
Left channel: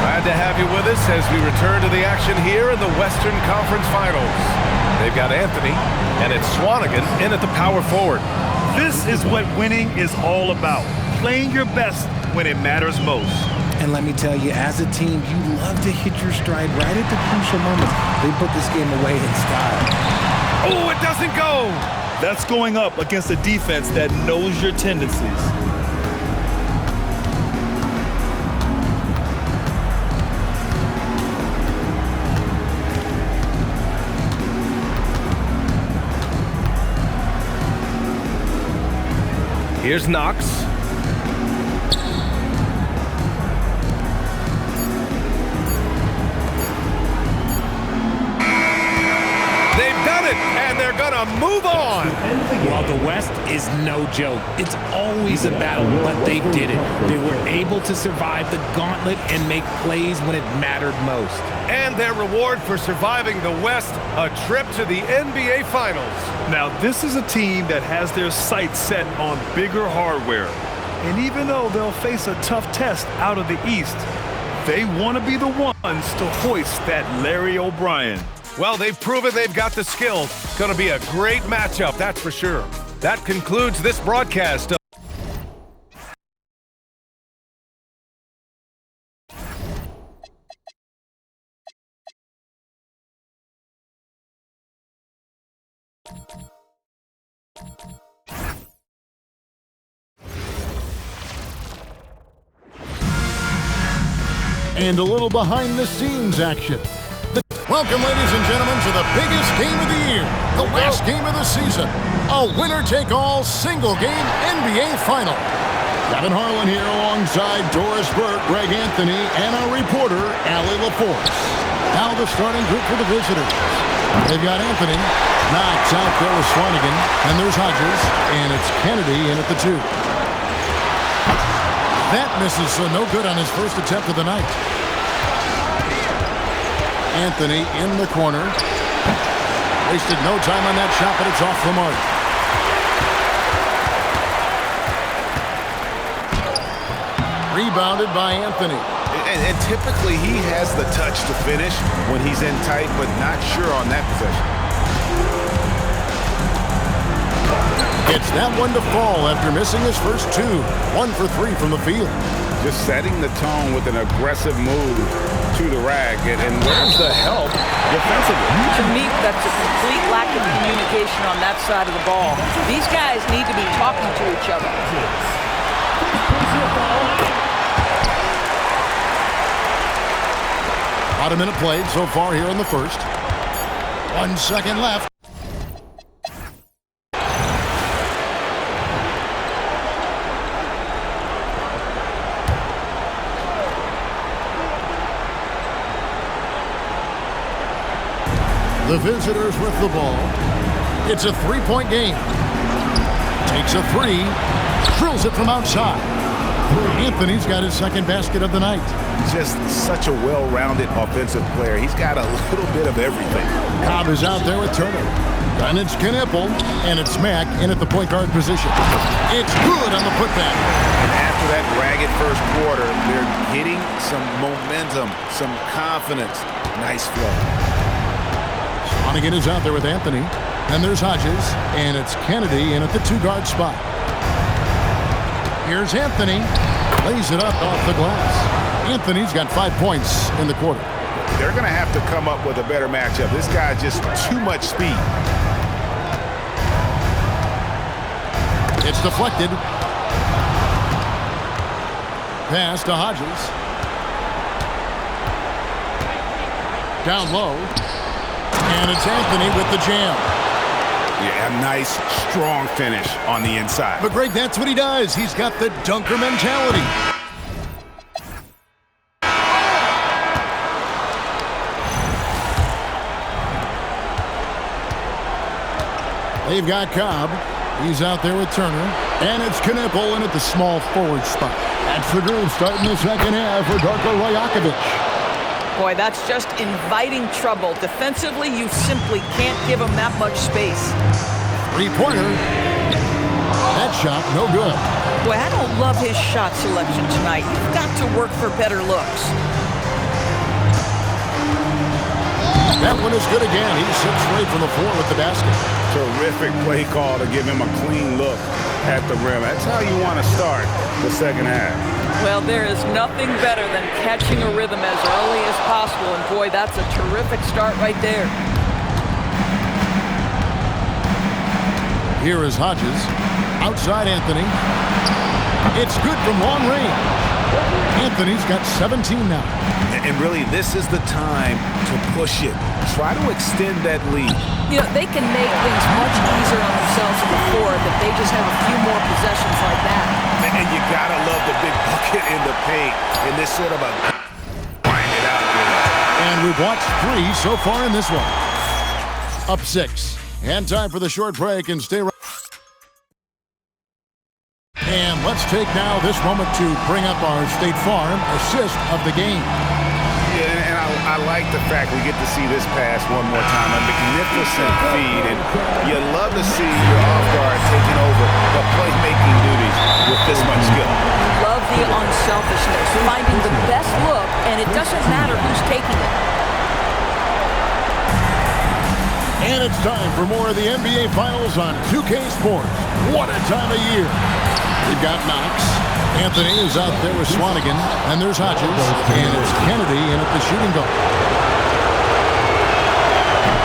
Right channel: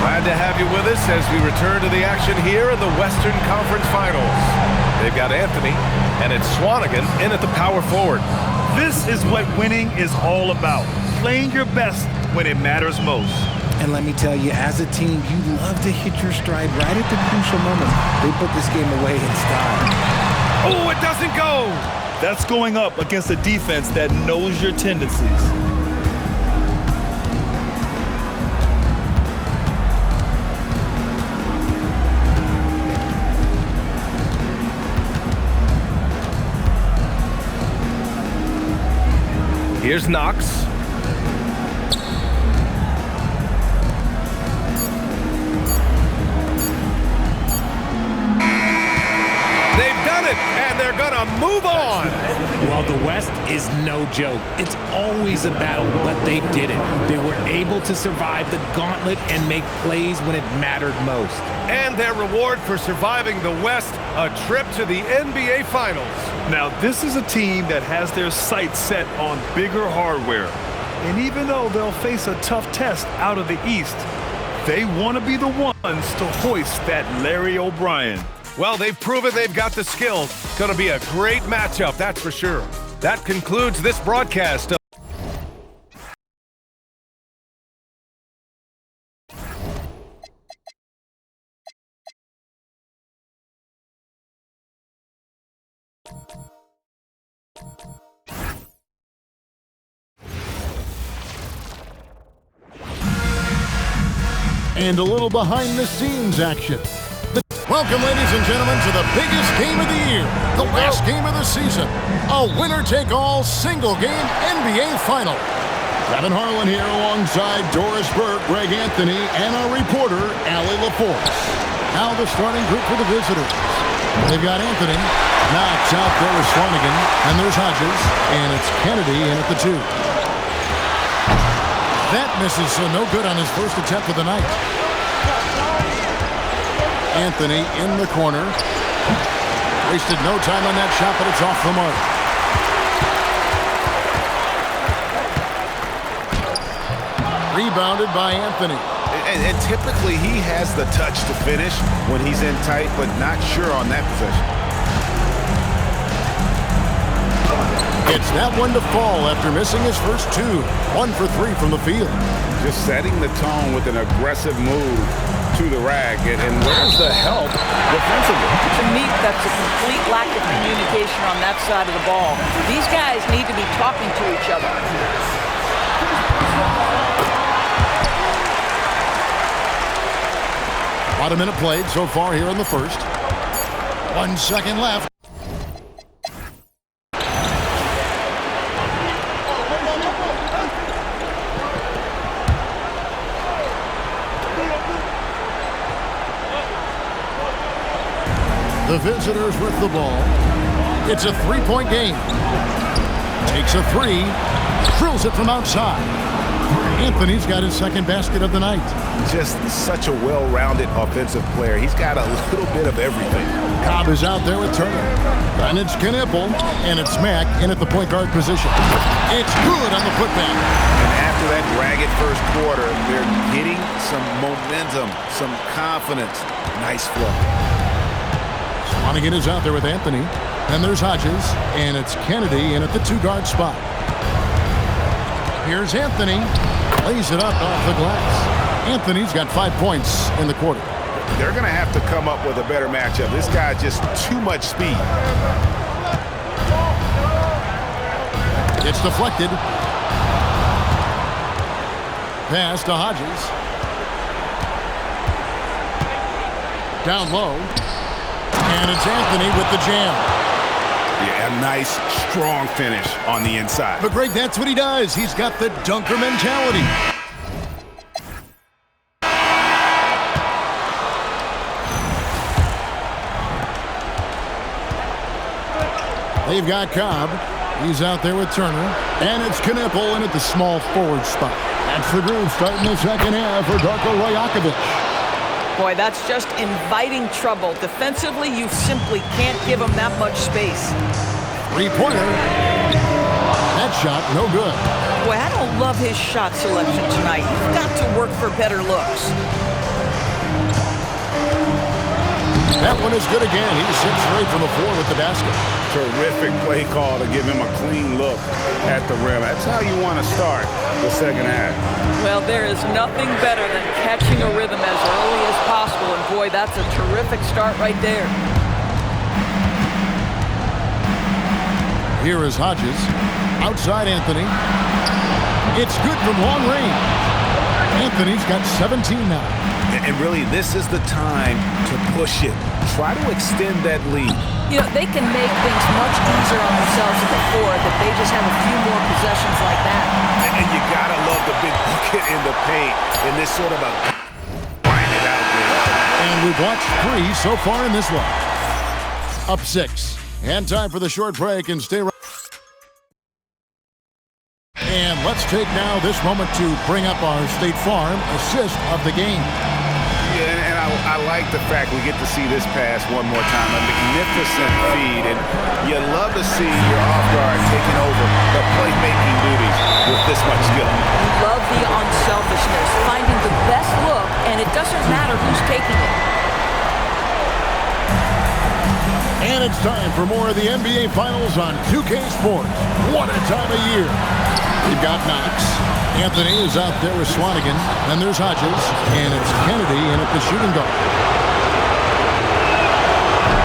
Glad to have you with us as we return to the action here in the Western Conference Finals. They've got Anthony, and it's Swanigan in at the power forward. This is what winning is all about. Playing your best when it matters most. And let me tell you, as a team, you love to hit your stride right at the crucial moments. They put this game away in style. Oh, it doesn't go! That's going up against a defense that knows your tendencies. Here's Knox. They've done it, and they're going to move on. Well, the West is no joke. It's always a battle, but they did it. They were able to survive the gauntlet and make plays when it mattered most. And their reward for surviving the West, a trip to the NBA Finals. Now, this is a team that has their sights set on bigger hardware. And even though they'll face a tough test out of the East, they want to be the ones to hoist that Larry O'Brien. Well, they've proven they've got the skill. Going to be a great matchup, that's for sure. That concludes this broadcast. And a little behind-the-scenes action. Welcome, ladies and gentlemen, to the biggest game of the year, the last game of the season, a winner-take-all single-game NBA Final. Kevin Harlan here alongside Doris Burke, Greg Anthony, and our reporter, Allie LaForce. Now the starting group for the visitors. They've got Anthony. Knox out there with Swanigan. And there's Hodges. And it's Kennedy in at the 2. That misses, so no good on his first attempt of the night. Anthony in the corner. Wasted no time on that shot, but it's off the mark. Rebounded by Anthony. And typically he has the touch to finish when he's in tight, but not sure on that possession. It's that one to fall after missing his first 2. 1 for 3 from the field. Just setting the tone with an aggressive move to the rack. And where's the help defensively? To me, that's a complete lack of communication on that side of the ball. These guys need to be talking to each other. About a minute played so far here in the first. 1 second left. The visitors with the ball. It's a 3-point game. Takes a 3. Drills it from outside. Anthony's got his second basket of the night. Just such a well-rounded offensive player. He's got a little bit of everything. Cobb is out there with Turner. And it's Knipple. And it's Mack in at the point guard position. It's good on the putback. And after that ragged first quarter, they're getting some momentum, some confidence. Nice flow. Swanigan is out there with Anthony. Then there's Hodges. And it's Kennedy in at the 2-guard spot. Here's Anthony. Lays it up off the glass. Anthony's got 5 points in the quarter. They're going to have to come up with a better matchup. This guy just too much speed. It's deflected. Pass to Hodges. Down low. And it's Anthony with the jam. Yeah, a nice, strong finish on the inside. But Greg, that's what he does. He's got the dunker mentality. They've got Cobb. He's out there with Turner. And it's Knipple in at the small forward spot. That's the groove starting the second half for Darko Rajakovic. Boy, that's just inviting trouble. Defensively, you simply can't give him that much space. 3-pointer. That shot, no good. Boy, I don't love his shot selection tonight. You've got to work for better looks. That one is good again. He sits straight from the floor with the basket. Terrific play call to give him a clean look at the rim. That's how you want to start the second half. Well, there is nothing better than catching a rhythm as early as possible. And boy, that's a terrific start right there. Here is Hodges. Outside Anthony. It's good from long range. Anthony's got 17 now. And really, this is the time to push it. Try to extend that lead. You know, they can make things much easier on themselves in the fourth if they just have a few more possessions like that. And you gotta love the big bucket in the paint in this sort of a grind it out game. And we've watched 3 so far in this one. Up 6. And time for the short break and stay right. And let's take now this moment to bring up our State Farm assist of the game. Yeah, and I like the fact we get to see this pass one more time. A magnificent feed, and you love to see your off guard taking over the playmaking duties with this much skill. You love the unselfishness, finding the best look, and it doesn't matter who's taking it. And it's time for more of the NBA Finals on 2K Sports. What a time of year. We've got Knox. Anthony is out there with Swanigan. And there's Hodges. And it's Kennedy in at the shooting guard.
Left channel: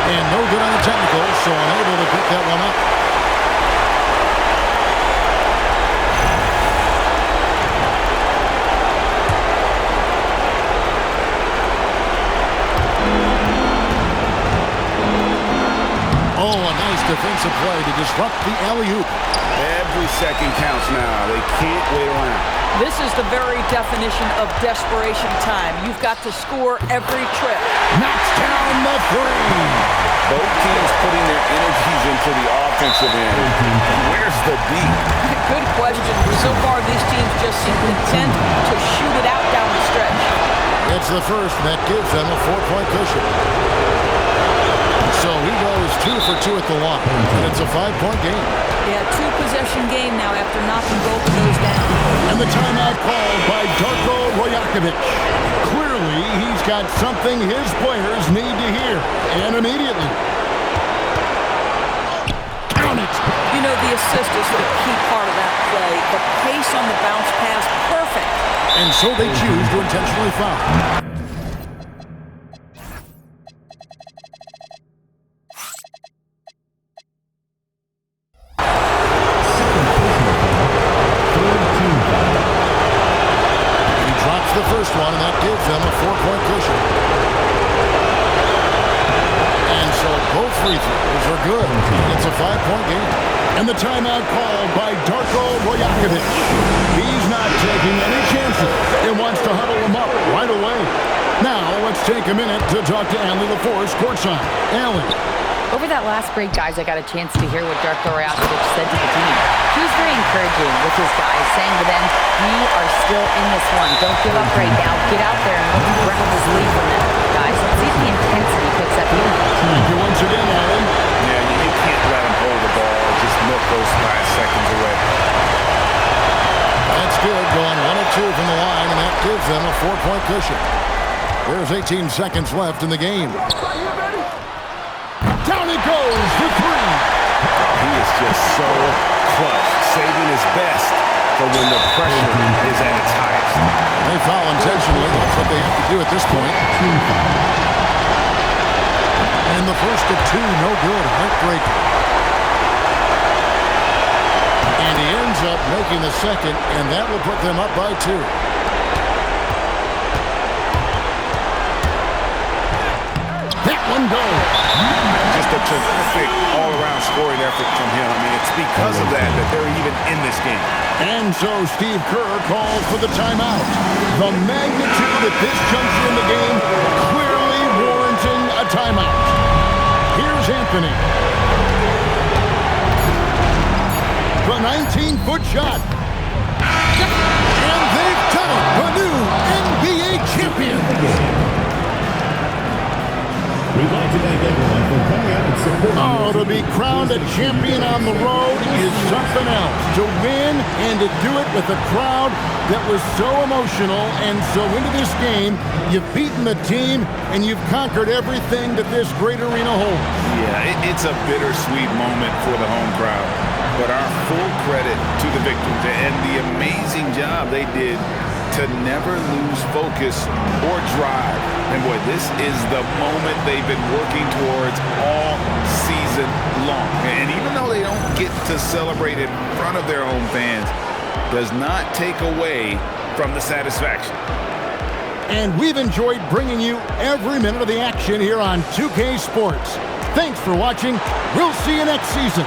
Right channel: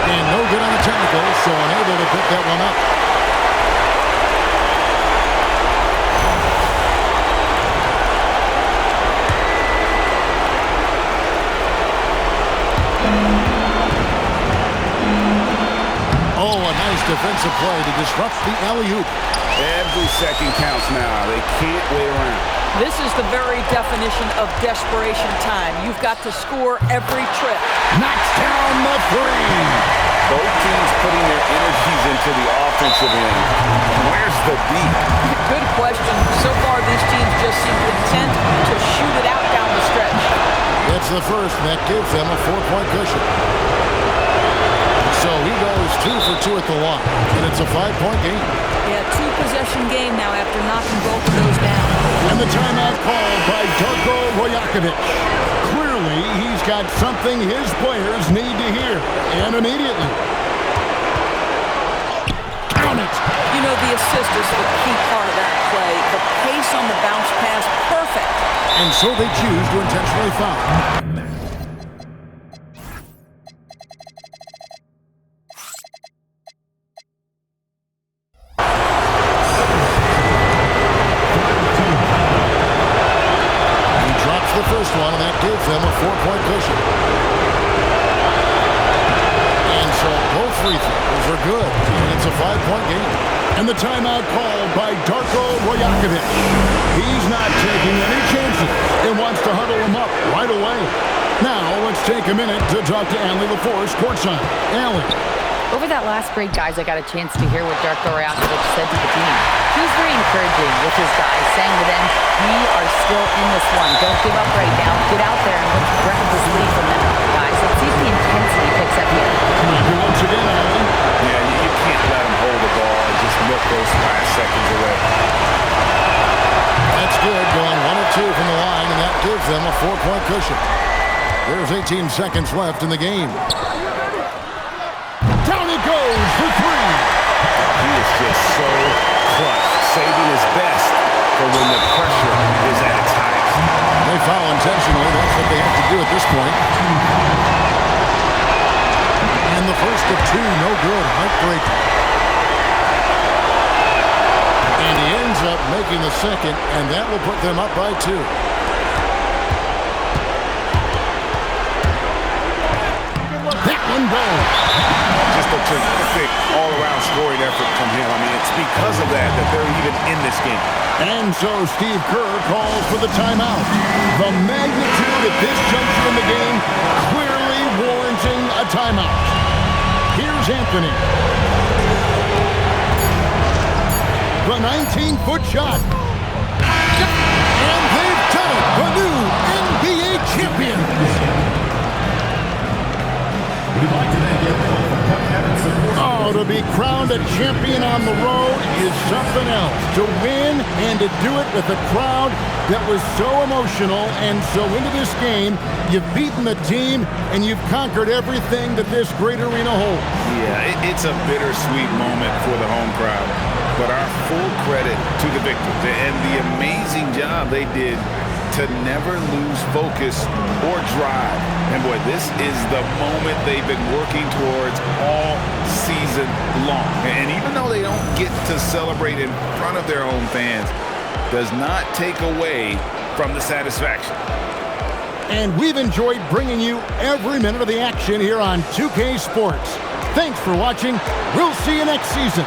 And no good on the technical, so unable to pick that one up. Oh, a nice defensive play to disrupt the alley-oop. Every second counts now. They can't wait around. This is the very definition of desperation time. You've got to score every trip. Knocks down the 3. Both teams putting their energies into the offensive end. Where's the D? Good question. So far, these teams just seem content to shoot it out down the stretch. It's the first, and that gives them a 4-point cushion. So he goes 2 for 2 at the line, and it's a 5-point game. Yeah, 2-possession game now after knocking both of those down. And the timeout called by Darko Rajakovic. Clearly, he's got something his players need to hear, and immediately. Count it! You know, the assist is the key part of that play. The pace on the bounce pass, perfect. And so they choose to intentionally foul. The first one, and that gives them a 4-point cushion. And so both free throws are good, and it's a 5-point game. And the timeout called by Darko Rajakovic. He's not taking any chances and wants to huddle them up right away. Now let's take a minute to talk to Allie LaForce courtside. Allie. Over that last break, guys, I got a chance to hear what Darko Rajakovic said to the team. He was very encouraging with his guys, saying to them, we are still in this one. Don't give up right now. Get out there and let's grab this lead from them. Guys, let's see if the intensity picks up here. Thank you once again, Allie. Yeah, you can't let them hold the ball and just milk those last seconds away. That's good, going 1 of 2 from the line, and that gives them a 4-point cushion. There's 18 seconds left in the game. Down it goes for 3. He is just so clutch, saving his best for when the pressure is at its highest. They foul intentionally. That's what they have to do at this point. And the first of 2, no good. Heartbreaker. And he ends up making the second, and that will put them up by 2. That one goes. Just a terrific all-around scoring effort from him. I mean, it's because of that they're even in this game. And so Steve Kerr calls for the timeout. The magnitude at this juncture in the game clearly warranting a timeout. Here's Anthony. The 19-foot shot. And they've done it. The new NBA champions. We'd like to thank everyone for coming out and supporting. Oh, to be crowned a champion on the road is something else. To win and to do it with a crowd that was so emotional and so into this game, you've beaten the team and you've conquered everything that this great arena holds. Yeah, it's a bittersweet moment for the home crowd. But our full credit to the victors and the amazing job they did to never lose focus or drive. And boy, this is the moment they've been working towards all season long. And even though they don't get to celebrate in front of their home fans, does not take away from the satisfaction. And we've enjoyed bringing you every minute of the action here on 2K Sports. Thanks for watching. We'll see you next season.